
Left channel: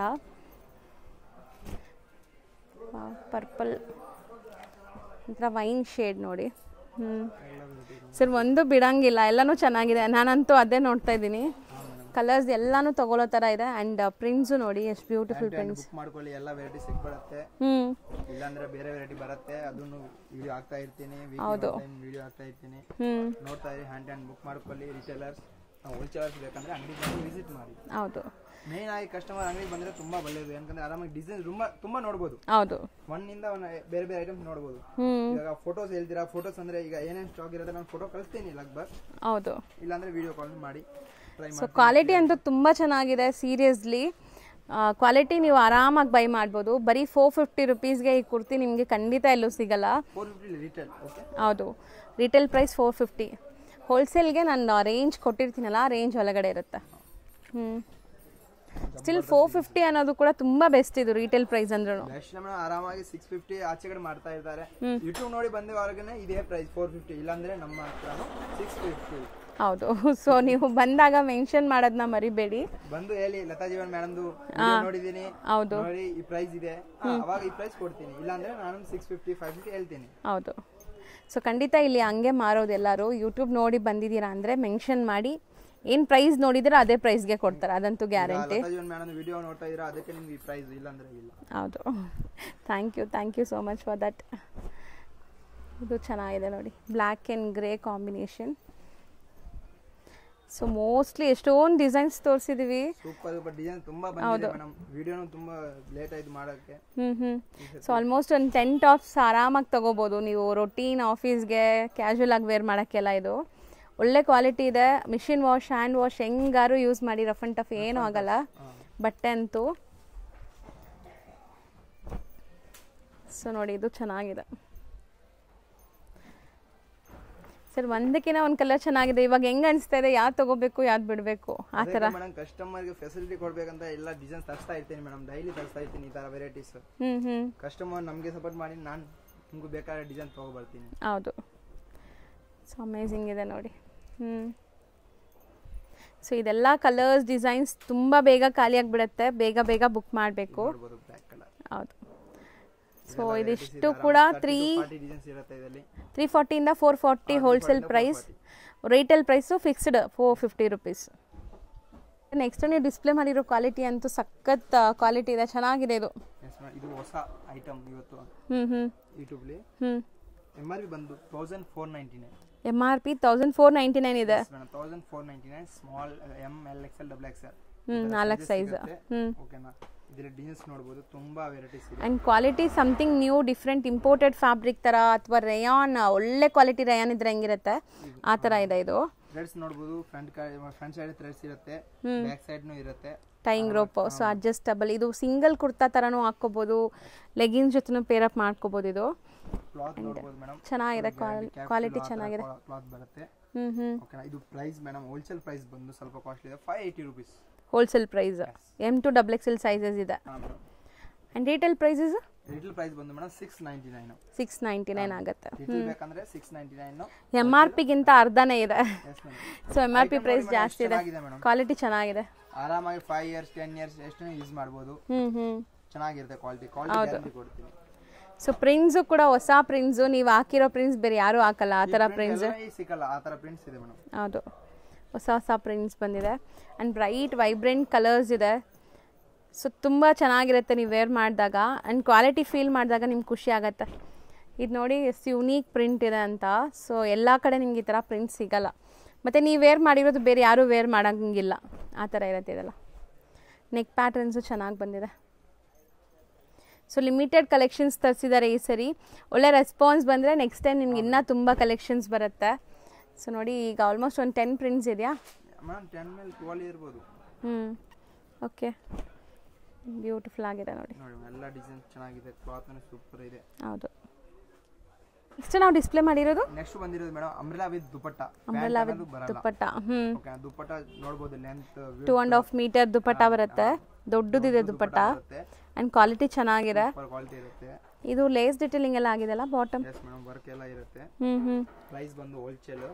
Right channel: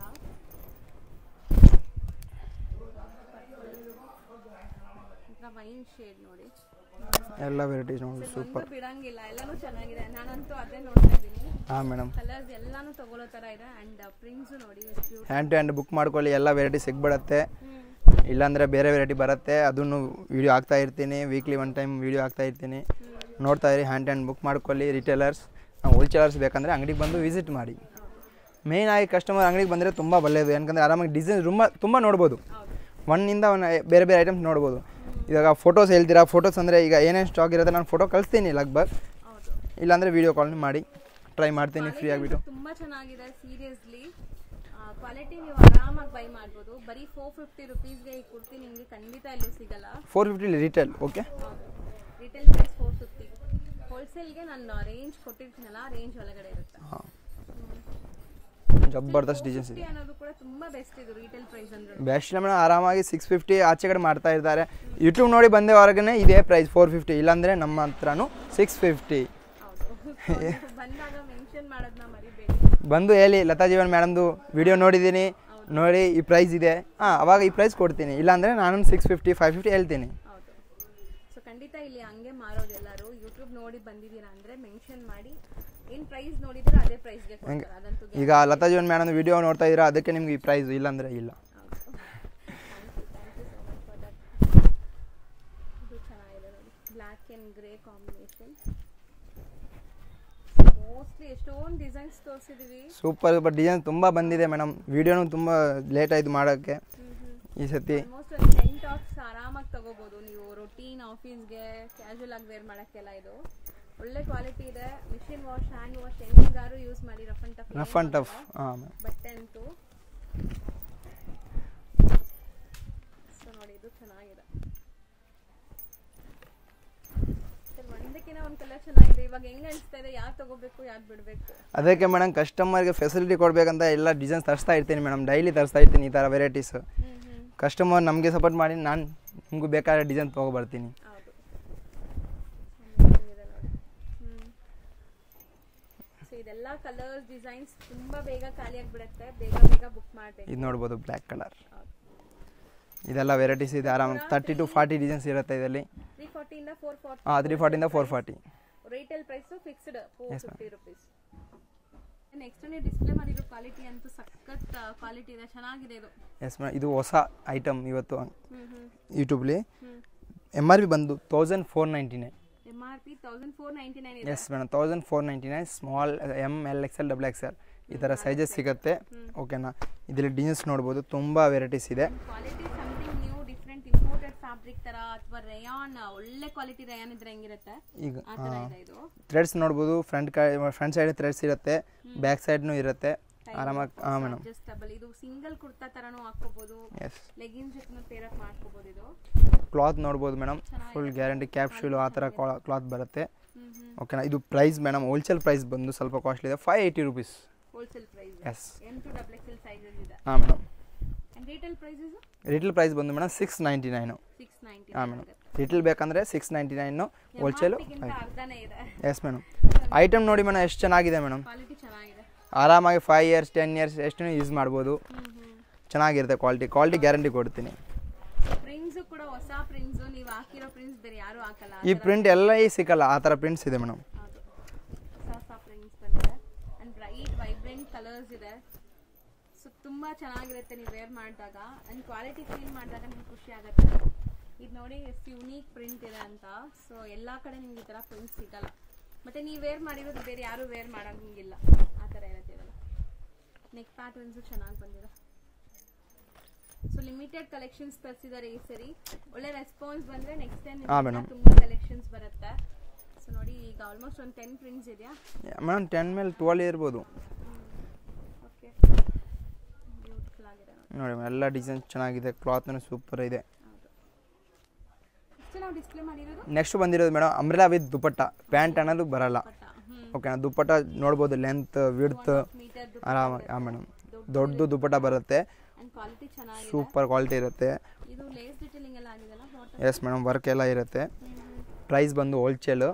ಪರ್ಪಲ್ ಒಂಥರ ವೈನ್ ಶೇಡ್ ನೋಡಿ. ಎಲ್ಲ ವೆರೈಟೀಸ್ ಸರ್ ಒಂದು ಬಿಡಂಗಿಲ್ಲ, ಎಲ್ಲಾನು ಚೆನ್ನಾಗಿದೆ. ನಾನಂತೂ ಅದೇ ನೋಡ್ತಾ ಇದ್ದೀನಿ. ಕಲರ್ಸ್ ಎಲ್ಲಾನು ತಗೊಳ್ಳೋ ತರ ಇದೆ. ಅಂಡ್ ಪ್ರಿಂಟ್ಸ್ ನೋಡಿ ಎಷ್ಟು ಬ್ಯೂಟಿಫುಲ್. ಹ್ಯಾಂಡ್ ಬುಕ್ ಮಾಡ್ಕೊಳ್ಳಿ, ಎಲ್ಲ ವೆರೈಟಿ ಸಿಗ್ಬಿಡುತ್ತೆ. ಇಲ್ಲಾಂದ್ರೆ ಬೇರೆ ವೆರೈಟಿ ಬರುತ್ತೆ, ಅದನ್ನು ವಿಡಿಯೋ ಹಾಕ್ತಾ ಇರ್ತೀನಿ. ವೀಕ್ಲಿ 1 ಟೈಮ್ ವಿಡಿಯೋ ಹಾಕ್ತಾ ಇರ್ತೀನಿ, ನೋಡ್ತಾ ಇರಿ. ಹ್ಯಾಂಡ್ ಬುಕ್ ಮಾಡ್ಕೊಳ್ಳಿ. ರಿಟೇಲರ್ಸ್, ಹೋಲ್ಸೇಲರ್ಸ್ ಬೇಕಂದ್ರೆ ಅಂಗಡಿಗೆ ಬಂದು ವಿಸಿಟ್ ಮಾಡಿ. ಹೌದು, ಮೇನ್ ಆಗಿ ಕಸ್ಟಮರ್ ಅಂಗಡಿಗೆ ಬಂದರೆ ತುಂಬ ಒಳ್ಳೆಯದು. ಯಾಕಂದ್ರೆ ಆರಾಮಾಗಿ ಡಿಸೈನ್ ತುಂಬ ನೋಡ್ಬೋದು. ಹೌದು, ಒಂದಿಂದ ಬೇರೆ ಬೇರೆ ಐಟಮ್ಸ್ ನೋಡ್ಬೋದು. ಇವಾಗ ಫೋಟೋಸ್ ಹೇಳ್ತೀರಾ, ಫೋಟೋಸ್ ಅಂದರೆ ಈಗ ಏನೇನು ಸ್ಟಾಕ್ ಇರುತ್ತೆ ನಾನು ಫೋಟೋ ಕಳಿಸ್ತೀನಿ ಲಗ್ಭಗ್. ಹೌದು, ಇಲ್ಲಾಂದರೆ ವಿಡಿಯೋ ಕಾಲ್ ಮಾಡಿ ಟ್ರೈ ಮಾಡ್ತೀನಿ. ಕ್ವಾಲಿಟಿ ಅಂತೂ ತುಂಬ ಚೆನ್ನಾಗಿದೆ ಸೀರಿಯಸ್ಲಿ. ಕ್ವಾಲಿಟಿ ನೀವು ಆರಾಮಾಗಿ ಬೈ ಮಾಡ್ಬೋದು. ಬರೀ 450 ರುಪೀಸ್ಗೆ ಈ ಕುರ್ತಿ ನಿಮಗೆ ಖಂಡಿತ ಎಲ್ಲೂ ಸಿಗಲ್ಲ. 450 ರಿಟೇಲ್. ಓಕೆ, ಹೌದು, ರಿಟೇಲ್ ಪ್ರೈಸ್ 450. ಹೋಲ್ಸೇಲ್ಗೆ ನಾನು ರೇಂಜ್ ಕೊಟ್ಟಿರ್ತೀನಲ್ಲ, ಆ ರೇಂಜ್ ಒಳಗಡೆ ಇರುತ್ತೆ. ಸ್ಟಿಲ್ 450 ಅನ್ನೋದು ಕೂಡ ತುಂಬಾ ಬೆಸ್ಟ್. ಇದು ರಿಟೇಲ್ ಪ್ರೈಸ್ ಅಂದ್ರೆ ಬೆಸ್ಟ್ ಮೇಡಮ್. ಆರಾಮಾಗಿ 650 ಆಚೆ ಕಡೆ ಮಾಡ್ತಾ ಇದ್ದಾರೆ. ಯೂಟ್ಯೂಬ್ ನೋಡಿ ಬಂದವರೆಗೆ ಇದೇ ಪ್ರೈಸ್ 450, ಇಲ್ಲಾಂದ್ರೆ ನಮ್ಮ ಹತ್ರನೂ 650. ಹೌದು. ಸೊ ನೀವು ಬಂದಾಗ ಮೆನ್ಷನ್ ಮಾಡೋದನ್ನ ಮರಿಬೇಡಿ. ಬಂದು ಹೇಳಿ ಲತಾ ಜೀವನ್ ಮೇಡಮ್ದು ವಿಡಿಯೋ ನೋಡಿದ್ದೀನಿ, ನೋಡಿ ಈ ಪ್ರೈಸ್ ಇದೆ, ಅವಾಗ ಈ ಪ್ರೈಸ್ ಕೊಡ್ತೀನಿ. ಇಲ್ಲಾಂದ್ರೆ ನಾನು 650 550 ಹೇಳ್ತೀನಿ. ಹೌದು. ಸೊ ಖಂಡಿತ ಇಲ್ಲಿ ಹಂಗೆ ಮಾರೋದು. ಎಲ್ಲರೂ ಯೂಟ್ಯೂಬ್ ನೋಡಿ ಬಂದಿದ್ದೀರಾ ಅಂದರೆ ಮೆನ್ಷನ್ ಮಾಡಿ, ಏನು ಪ್ರೈಸ್ ನೋಡಿದ್ರೆ ಅದೇ ಪ್ರೈಸ್ಗೆ ಕೊಡ್ತಾರೆ, ಅದಂತೂ ಗ್ಯಾರಂಟಿ. ಈಗ ಲತಾ ಜೀವನ್ ಮೇಡಮ್ ವಿಡಿಯೋ ನೋಡ್ತಾ ಇದ್ದೀರಾ, ಅದಕ್ಕೆ ನಿಮ್ಗೆ ಈ ಪ್ರೈಸ್, ಇಲ್ಲಾಂದ್ರೆ ಇಲ್ಲ. ಹೌದು. Thank you so much for that. ಇದು ಚೆನ್ನಾಗಿದೆ ನೋಡಿ, black and grey combination. So mostly ಎಷ್ಟೊಂದು ಡಿಸೈನ್ಸ್ ತೋರಿಸಿದೀವಿ. ಸೂಪರ್ ಡಿಸೈನ್ ತುಂಬಾ ಬಂದಿದೆ ಮೇಡಮ್. ವಿಡಿಯೋನು ತುಂಬಾ ಲೇಟ್ ಆಯ್ತು ಮಾಡೋಕ್ಕೆ ಈ ಸತಿ. ಆಲ್ಮೋಸ್ಟ್ ಒಂದು 10 ಟಾಪ್ಸ್ ಆರಾಮಾಗಿ ತಗೋಬಹುದು ನೀವು. ರೊಟೀನ್ ಆಫೀಸ್ಗೆ ಕ್ಯಾಶುವಲ್ ಆಗಿ ವೇರ್ ಮಾಡೋಕ್ಕೆಲ್ಲ ಇದು ಒಳ್ಳೆ ಕ್ವಾಲಿಟಿ ಇದೆ. ಮಿಷಿನ್ ವಾಶ್, ಹ್ಯಾಂಡ್ ವಾಶ್ ಹೆಂಗಾರು ಯೂಸ್ ಮಾಡಿ, ರಫ್ ಅಂಡ್ ಟಫ್ ಏನೂ ಆಗಲ್ಲ ಬಟ್ಟೆ ಅಂತೂ. ಸೊ ನೋಡಿ, ಇದು ಚೆನ್ನಾಗಿದೆ ಸರ್. ಒಂದಕ್ಕಿಂತ ಒಂದು ಕಲರ್ ಚೆನ್ನಾಗಿದೆ. ಇವಾಗ ಹೆಂಗ್ ಅನಿಸ್ತಾ ಇದೆ, ಯಾವ್ದು ತಗೋಬೇಕು ಯಾವ್ದು ಬಿಡಬೇಕು? ಅದಕ್ಕೆ ಮೇಡಮ್ ಕಸ್ಟಮರ್ಗೆ ಫೆಸಿಲಿಟಿ ಕೊಡ್ಬೇಕಂತ ಎಲ್ಲ ಡಿಸೈನ್ಸ್ ತರಿಸ್ತಾ ಇರ್ತೀನಿ ಮೇಡಮ್. ಡೈಲಿ ತರಿಸ್ತಾ ಇರ್ತೀನಿ ಈ ಥರ ವೆರೈಟೀಸ್. ಕಸ್ಟಮರ್ ನಮಗೆ ಸಪೋರ್ಟ್ ಮಾಡಿ ನಾನು ನಿಮ್ಗೆ ಬೇಕಾದ ಡಿಸೈನ್ ತೊಗೊಬರ್ತೀನಿ. ಹೌದು. ಸೊ ಅಮೇಜಿಂಗ್ ಇದೆ ನೋಡಿ. ಸೊ ಇದೆಲ್ಲ ಕಲರ್ಸ್ ಡಿಸೈನ್ಸ್ ತುಂಬ ಬೇಗ ಖಾಲಿ ಆಗಿಬಿಡುತ್ತೆ, ಬೇಗ ಬುಕ್ ಮಾಡಬೇಕು. ನೋಡ್ಬೋದು ಬ್ಲ್ಯಾಕ್ ಕಲರ್. ಹೌದು. ಇದೆಲ್ಲ ವೆರೈಟೀಸ್ ಇದೆ. ಆರಾಮ 30 to 40 ಡಿಸೈನ್ಸ್ ಇರುತ್ತೆ ಇದರಲ್ಲಿ. 340 ಇಂದ 440 wholesale price. Retail price fixed 450 rupees. Next ನೀವು ಡಿಸ್ಪ್ಲೇ ಮಾಡಿರೋ ಕ್ವಾಲಿಟಿ ಅಂತೂ ಸಖತ್ ಕ್ವಾಲಿಟಿ ಇದೆ, ಚೆನ್ನಾಗಿದೆ ಇದು. ಎಸ್ ಮೇಡಮ್, ಇದು ಹೊಸ ಐಟಮ್ ಇವತ್ತು ಯೂಟ್ಯೂಬ್ಲಿ. MRP ಬಂದು 1499. MRP 1499 ಇದೆ. Yes madam, 1499. Small M, L, XL, XXL ಈ ತರ ಸೈಜಸ್ ಸಿಗುತ್ತೆ. ಓಕೆನಾ? ಇದರಲ್ಲಿ ಡಿಸೈನ್ಸ್ ನೋಡಬಹುದು, ತುಂಬಾ ವೆರೈಟೀಸ್ ಇದೆ. And quality something new, different, imported fabric ತರ ಅಥವಾ ರೇಯಾನ್, ಒಳ್ಳೆ ಕ್ವಾಲಿಟಿ ರೇಯಾನ್ ಇದ್ರೆ ಹೆಂಗಿರುತ್ತೆ ಆ ತರ ಇದೆ ಇದು. ಥ್ರೆಡ್ಸ್ ನೋಡಬಹುದು, ಫ್ರಂಟ್ ಸೈಡ್ ಥ್ರೆಡ್ಸ್ ಇರುತ್ತೆ, ಬ್ಯಾಕ್ ಸೈಡ್ ನು ಇರುತ್ತೆ. Time rope, so adjustable. ಇದು ಸಿಂಗಲ್ ಕುರ್ತಾ ತರನೂ ಹಾಕೋಬಹುದು, ಲೆಗಿನ್ಸ್ ಜೊತೆನೂ ಪೇರ್ ಅಪ್ ಮಾಡ್ಕೋಬಹುದು. ಇದು ಕ್ಲಾತ್ ನೋಡಬಹುದು ಮೇಡಮ್, ಚೆನ್ನಾಗಿದೆ, ಗ್ಯಾರಂಟಿ ಕ್ಯಾಪ್ಸೂಲ್ ಆ ತರ ಕ್ಲಾತ್ ಬರುತ್ತೆ. ಓಕೆನಾ? ಇದು ಪ್ರೈಸ್ ಮೇಡಮ್, ಹೋಲ್ಸೇಲ್ ಪ್ರೈಸ್ ಬಂದು ಸ್ವಲ್ಪ ಕಾಸ್ಟ್ಲಿ ಇದೆ, 580 rupees wholesale price. M to XXL sizes ಇದೆ. ಹಾ madam. And retail prices? Retail price ಬಂದು ಮೇಡಮ್ 699. 699 ಆಗುತ್ತೆ. ರಿಟೇಲ್ ಬೇಕಂದ್ರೆ 699. MRP ಗಿಂತ ಅರ್ಧನೇ ಇದೆ. Yes madam. ಸೊ ಐಟಮ್ ನೋಡಿ ಮೇಡಮ್, ಎಷ್ಟು ಚೆನ್ನಾಗಿದೆ ಮೇಡಮ್. ಕ್ವಾಲಿಟಿ ಚೆನ್ನಾಗಿದೆ. ಆರಾಮಾಗಿ 5 years 10 years ಎಷ್ಟು ಯೂಸ್ ಮಾಡಬಹುದು. ಚೆನ್ನಾಗಿರುತ್ತೆ ಕ್ವಾಲಿಟಿ ಗ್ಯಾರಂಟಿ ಕೊಡ್ತೀನಿ. ಸೊ ಪ್ರಿಂಟ್ಸ್ ಕೂಡ ಹೊಸ ಪ್ರಿಂಟ್ಸ್, ನೀವು ಹಾಕಿರೋ ಪ್ರಿಂಟ್ಸ್ ಬೇರೆ ಯಾರು ಹಾಕಲ್ಲ ಆ ತರ ಪ್ರಿಂಟ್ ಎಲ್ಲ ಸಿಕ್ಕಲ್ಲ, ಆ ತರ ಪ್ರಿಂಟ್ಸ್ ಇದೆ ಮೇಡಮ್. ಹೌದು, ಹೊಸ ಪ್ರಿಂಟ್ಸ್ ಬಂದಿದೆ. ಅಂಡ್ ಬ್ರೈಟ್ ವೈಬ್ರೆಂಟ್ ಕಲರ್ಸ್ ಇದೆ. ಸೊ ತುಂಬ ಚೆನ್ನಾಗಿರುತ್ತೆ ನೀವು ವೇರ್ ಮಾಡಿದಾಗ, ಆ್ಯಂಡ್ ಕ್ವಾಲಿಟಿ ಫೀಲ್ ಮಾಡಿದಾಗ ನಿಮ್ಗೆ ಖುಷಿ ಆಗುತ್ತೆ. ಇದು ನೋಡಿ ಎಷ್ಟು ಯುನೀಕ್ ಪ್ರಿಂಟ್ ಇದೆ ಅಂತ. ಸೊ ಎಲ್ಲ ಕಡೆ ನಿಮ್ಗೆ ಈ ಥರ ಪ್ರಿಂಟ್ ಸಿಗಲ್ಲ, ಮತ್ತು ನೀವು ವೇರ್ ಮಾಡಿರೋದು ಬೇರೆ ಯಾರೂ ವೇರ್ ಮಾಡೋಂಗಿಲ್ಲ, ಆ ಥರ ಇರುತ್ತೆ ಇದೆಲ್ಲ. ನೆಕ್ ಪ್ಯಾಟರ್ನ್ಸು ಚೆನ್ನಾಗಿ ಬಂದಿದೆ. ಸೊ ಲಿಮಿಟೆಡ್ ಕಲೆಕ್ಷನ್ಸ್ ತರಿಸಿದ್ದಾರೆ ಈ ಸರಿ. ಒಳ್ಳೆ ರೆಸ್ಪಾನ್ಸ್ ಬಂದರೆ ನೆಕ್ಸ್ಟ್ ಟೈಮ್ ನಿಮ್ಗೆ ಇನ್ನೂ ತುಂಬ ಕಲೆಕ್ಷನ್ಸ್ ಬರುತ್ತೆ. ಸೊ ನೋಡಿ, ಈಗ ಆಲ್ಮೋಸ್ಟ್ ಒಂದು 10 ಪ್ರಿಂಟ್ಸ್ ಇದೆಯಾ ಮೇಡಮ್? 10 ಮೇಲೆ 12 ಇರ್ಬೋದು. ಓಕೆ, ಬ್ಯೂಟಿಫುಲ್ ಆಗಿದೆ ನೋಡಿ. ನೋಡಿ ಎಲ್ಲ ಡಿಸೈನ್ ಚೆನ್ನಾಗಿದೆ, ಕ್ಲಾತ್ನು ಸೂಪರ್ ಇದೆ. ಹೌದು. ನೆಕ್ಸ್ಟ್ ನಾವು ಡಿಸ್ಪ್ಲೇ ಮಾಡಿರೋದು, ನೆಕ್ಸ್ಟ್ ಬಂದಿರೋದು madam umbrella with dupatta. Pant ಅನ್ನೋದು ಬರಲ್ಲ. ಓಕೆ, ದುಪಟ್ಟ ನೋಡಬಹುದು, ಲೆಂತ್ 2.5 ಮೀಟರ್ ದುಪಟ್ಟ ಬರುತ್ತೆ, ದೊಡ್ಡದಿದೆ ದುಪಟ್ಟ ಬರುತ್ತೆ. ಅಂಡ್ ಕ್ವಾಲಿಟಿ ಚೆನ್ನಾಗಿದೆ, ಸೂಪರ್ ಕ್ವಾಲಿಟಿ ಇರುತ್ತೆ. ಇದು ಲೇಸ್ ಡಿಟೇಲಿಂಗ್ ಎಲ್ಲ ಆಗಿದೆಲ್ಲ ಬಾಟಮ್. ಎಸ್ ಮೇಡಮ್, ವರ್ಕ್ ಎಲ್ಲ ಇರುತ್ತೆ. ಪ್ರೈಸ್ ಬಂದು ಹೋಲ್ಸೇಲ್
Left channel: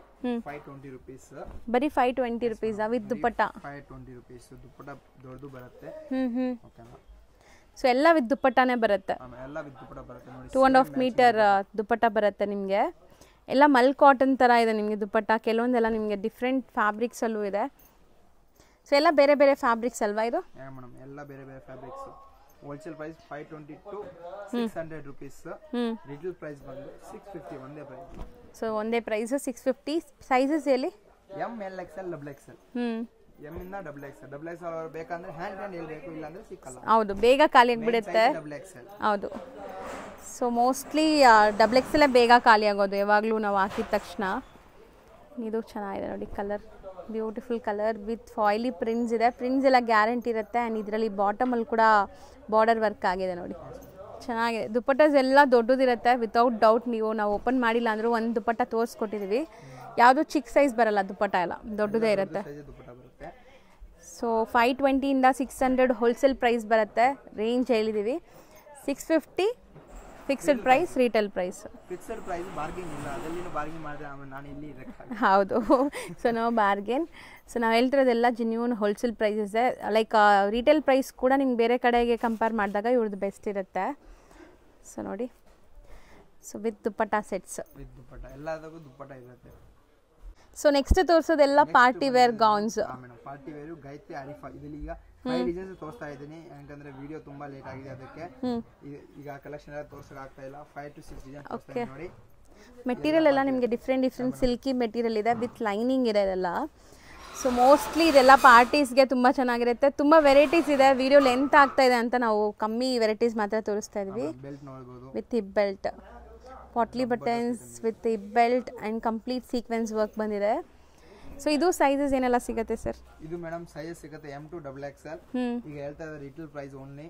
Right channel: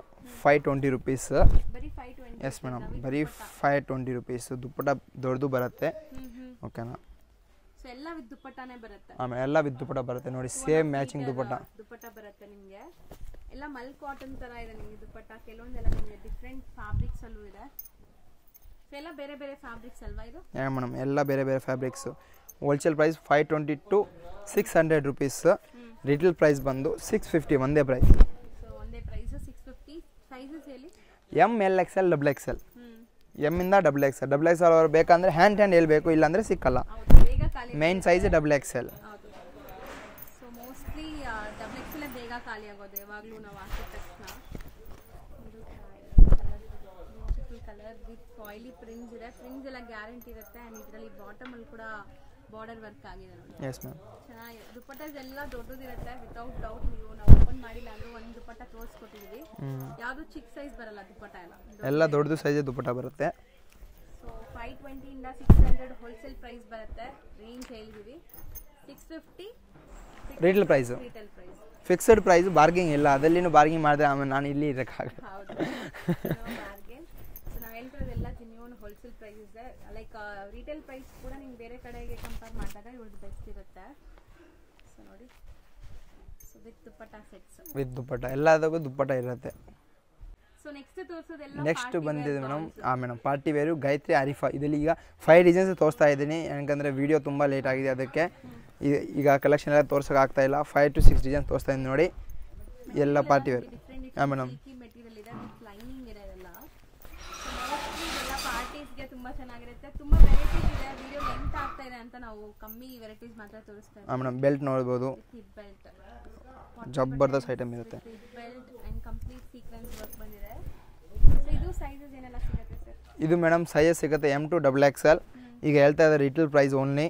520 rupees. ಬರೀ 520 rupees with dupatta. 520 rupees. Dupatta ದೊಡ್ಡದು ಬರುತ್ತೆ. ಓಕೆನಾ? ಸೊ ಎಲ್ಲ ವಿತ್ ದುಪಟ್ಟಾನೇ ಬರುತ್ತೆ. ಆಮೇಲೆ ಎಲ್ಲ ವಿತ್ ದುಪಟ್ಟ ಬರುತ್ತೆ ನೋಡಿ. 2.5 ಮೀಟರ್ ದುಪಟ್ಟ ಬರುತ್ತೆ ನಿಮಗೆ. ಎಲ್ಲ ಮಲ್ ಕಾಟನ್ ತರ ಇದೆ ನಿಮಗೆ ದುಪಟ್ಟ. ಕೆಲವೊಂದೆಲ್ಲ ನಿಮಗೆ ಡಿಫ್ರೆಂಟ್ ಫ್ಯಾಬ್ರಿಕ್ಸ್ ಅಲ್ಲೂ ಇದೆ. ಸೊ ಎಲ್ಲ ಬೇರೆ ಬೇರೆ ಫ್ಯಾಬ್ರಿಕ್ಸ್ ಅಲ್ವಾ ಇದು? ಮೇಡಮ್, ಎಲ್ಲ ಬೇರೆ ಬೇರೆ fabrics. Wholesale price 520 to 600 rupees. Retail price ಬಂದು 650 ಒಂದೇ ಪ್ರೈಸ್. ಸೊ ಒಂದೇ ಪ್ರೈಸ್ 650. ಸೈಜಸ್ ಎಲ್ಲಿ? M, L, XL, XXL. M ಇಂದ XXL. XXL ಅವರು ಬೇಕಂದ್ರೆ ಹ್ಯಾಂಡ್ ಹೇಳ್ಬೇಕು, ಇಲ್ಲಾಂದ್ರೆ ಸಿಕ್ಕಲ್ಲ. ಹೌದು, ಬೇಗ ಖಾಲಿ ಮೇನ್ ಸೈಜ್ XXL. ಹೌದು. ಸೊ ಮೋಸ್ಟ್ಲಿ XXL ಬೇಗ ಖಾಲಿ ಆಗೋದು ಯಾವಾಗಲೂ ನಾವು ಹಾಕಿದ ತಕ್ಷಣ. ಇದು ಚೆನ್ನಾಗಿದೆ ನೋಡಿ ಕಲರ್. ಬ್ಯೂಟಿಫುಲ್ ಕಲರ್ ವಿತ್ ಫಾಯಿಲಿ ಪ್ರಿಂಟ್ಸ್ ಇದೆ. ಪ್ರಿಂಟ್ಸ್ ಎಲ್ಲ ಗ್ಯಾರಂಟಿ ಇರುತ್ತೆ. ಆ್ಯಂಡ್ ಇದರಲ್ಲಿ ಬಾಟಮಲ್ಲಿ ಕೂಡ ಬಾರ್ಡರ್ ವರ್ಕ್ ಆಗಿದೆ ನೋಡಿ, ಚೆನ್ನಾಗಿದೆ. ದುಪ್ಪಟ್ಟಾಸ್ ಎಲ್ಲ ದೊಡ್ಡದಿರುತ್ತೆ ವಿತೌಟ್ ಡೌಟ್. ನಾವು ಓಪನ್ ಮಾಡಿಲ್ಲ ಅಂದರೂ ಒಂದು ದುಪ್ಪಟ್ಟ ತೋರಿಸ್ಕೊಟ್ಟಿದ್ದೀವಿ. ಯಾವುದು ಚಿಕ್ಕ ಸೈಜ್ ಬರಲ್ಲ, ದುಪ್ಪಟ್ಟ ಎಲ್ಲ ದೊಡ್ಡದೇ ಇರುತ್ತೆ. ದುಪ್ಪಟ್ಟ ಬರುತ್ತೆ. ಸೊ 520 ಇಂದ 600 ಹೋಲ್ಸೇಲ್ ಪ್ರೈಸ್ ಬರುತ್ತೆ. ರೇಂಜ್ ಹೇಳಿದ್ದೀವಿ. 650 fixed price, retail price. Fixed price, bargaining ಇಲ್ಲ. ಅದಲ್ಲಿನೂ ಬಾರ್ಗಿಂಗ್ ಮಾಡಿದ್ರೆ ಆಮೇಲೆ ನಾನು ಇಲ್ಲಿ ಇರೋಕ್ಕಾಗಲ್ಲ. ಹೌದು. ಸೊ ನಾವು ಬಾರ್ಗೇನ್. ಸೊ ನಾವು ಹೇಳ್ತಿರೋದೆಲ್ಲ genuine wholesale prices. Like retail price ಕೂಡ ನಿಮ್ಗೆ ಬೇರೆ ಕಡೆಗೆ ಕಂಪೇರ್ ಮಾಡಿದಾಗ ಇವ್ರದ್ದು ಬೆಸ್ಟ್ ಇರುತ್ತೆ. ಸೊ ನೋಡಿ, so with dupatta sets, with dupatta ಎಲ್ಲದಕ್ಕೂ ದುಪ್ಪಟ್ಟ ಇರುತ್ತೆ. ಸೊ ನೆಕ್ಸ್ಟ್ ತೋರಿಸೋದೆಲ್ಲ party wear gowns. Madam party wear Gayatri Arifa. ಇದರಲ್ಲಿ ಈಗ 5 ಡಿಸೈನ್ಸ್ ತೋರಿಸ್ತಾ ಇದ್ದೀನಿ, ಯಾಕಂದ್ರೆ ವಿಡಿಯೋ ತುಂಬಾ ಲೇಟ್ ಆಗಿದೆ. ಅದಕ್ಕೆ ಈಗ ಕಲೆಕ್ಷನ್ ಎಲ್ಲ ತೋರ್ಸಕ್ ಆಗ್ತಾ ಇಲ್ಲ. 5 to 6 ಡಿಸೈನ್ಸ್ ತೋರಿಸ್ತಾ ಇದ್ದೀನಿ ನೋಡಿ. ಮೆಟೀರಿಯಲ್ ಎಲ್ಲ ನಿಮಗೆ ಡಿಫ್ರೆಂಟ್ ಸಿಲ್ಕಿ ಮೆಟೀರಿಯಲ್ ಇದೆ ವಿತ್ ಲೈನಿಂಗ್ ಇದೆ ಇದೆಲ್ಲ. ಸೊ ಮೋಸ್ಟ್ಲಿ ಇದೆಲ್ಲ ಪಾರ್ಟೀಸ್ಗೆ ತುಂಬ ಚೆನ್ನಾಗಿರುತ್ತೆ. ತುಂಬ ವೆರೈಟೀಸ್ ಇದೆ. ವಿಡಿಯೋ ಲೆಂತ್ ಆಗ್ತಾ ಇದೆ ಅಂತ ನಾವು ಕಮ್ಮಿ ವೆರೈಟೀಸ್ ಮಾತ್ರ ತೋರಿಸ್ತಾ ಇದ್ದೀವಿ. ಬೆಲ್ಟ್ ನೋಡ್ಬೋದು, with hip belt, potli buttons with hip belt and complete sequence work ಬಂದಿದೆ. ಸೊ ಇದು ಸೈಜಸ್ ಏನೆಲ್ಲ ಸಿಗುತ್ತೆ ಸರ್? ಇದು ಮೇಡಮ್ ಸೈಜ್ ಸಿಗುತ್ತೆ M to XXL. ಈಗ ಹೇಳ್ತಾ ಇದ್ದಾರೆ ರಿಟೇಲ್ ಪ್ರೈಸ್ ಓನ್ಲಿ.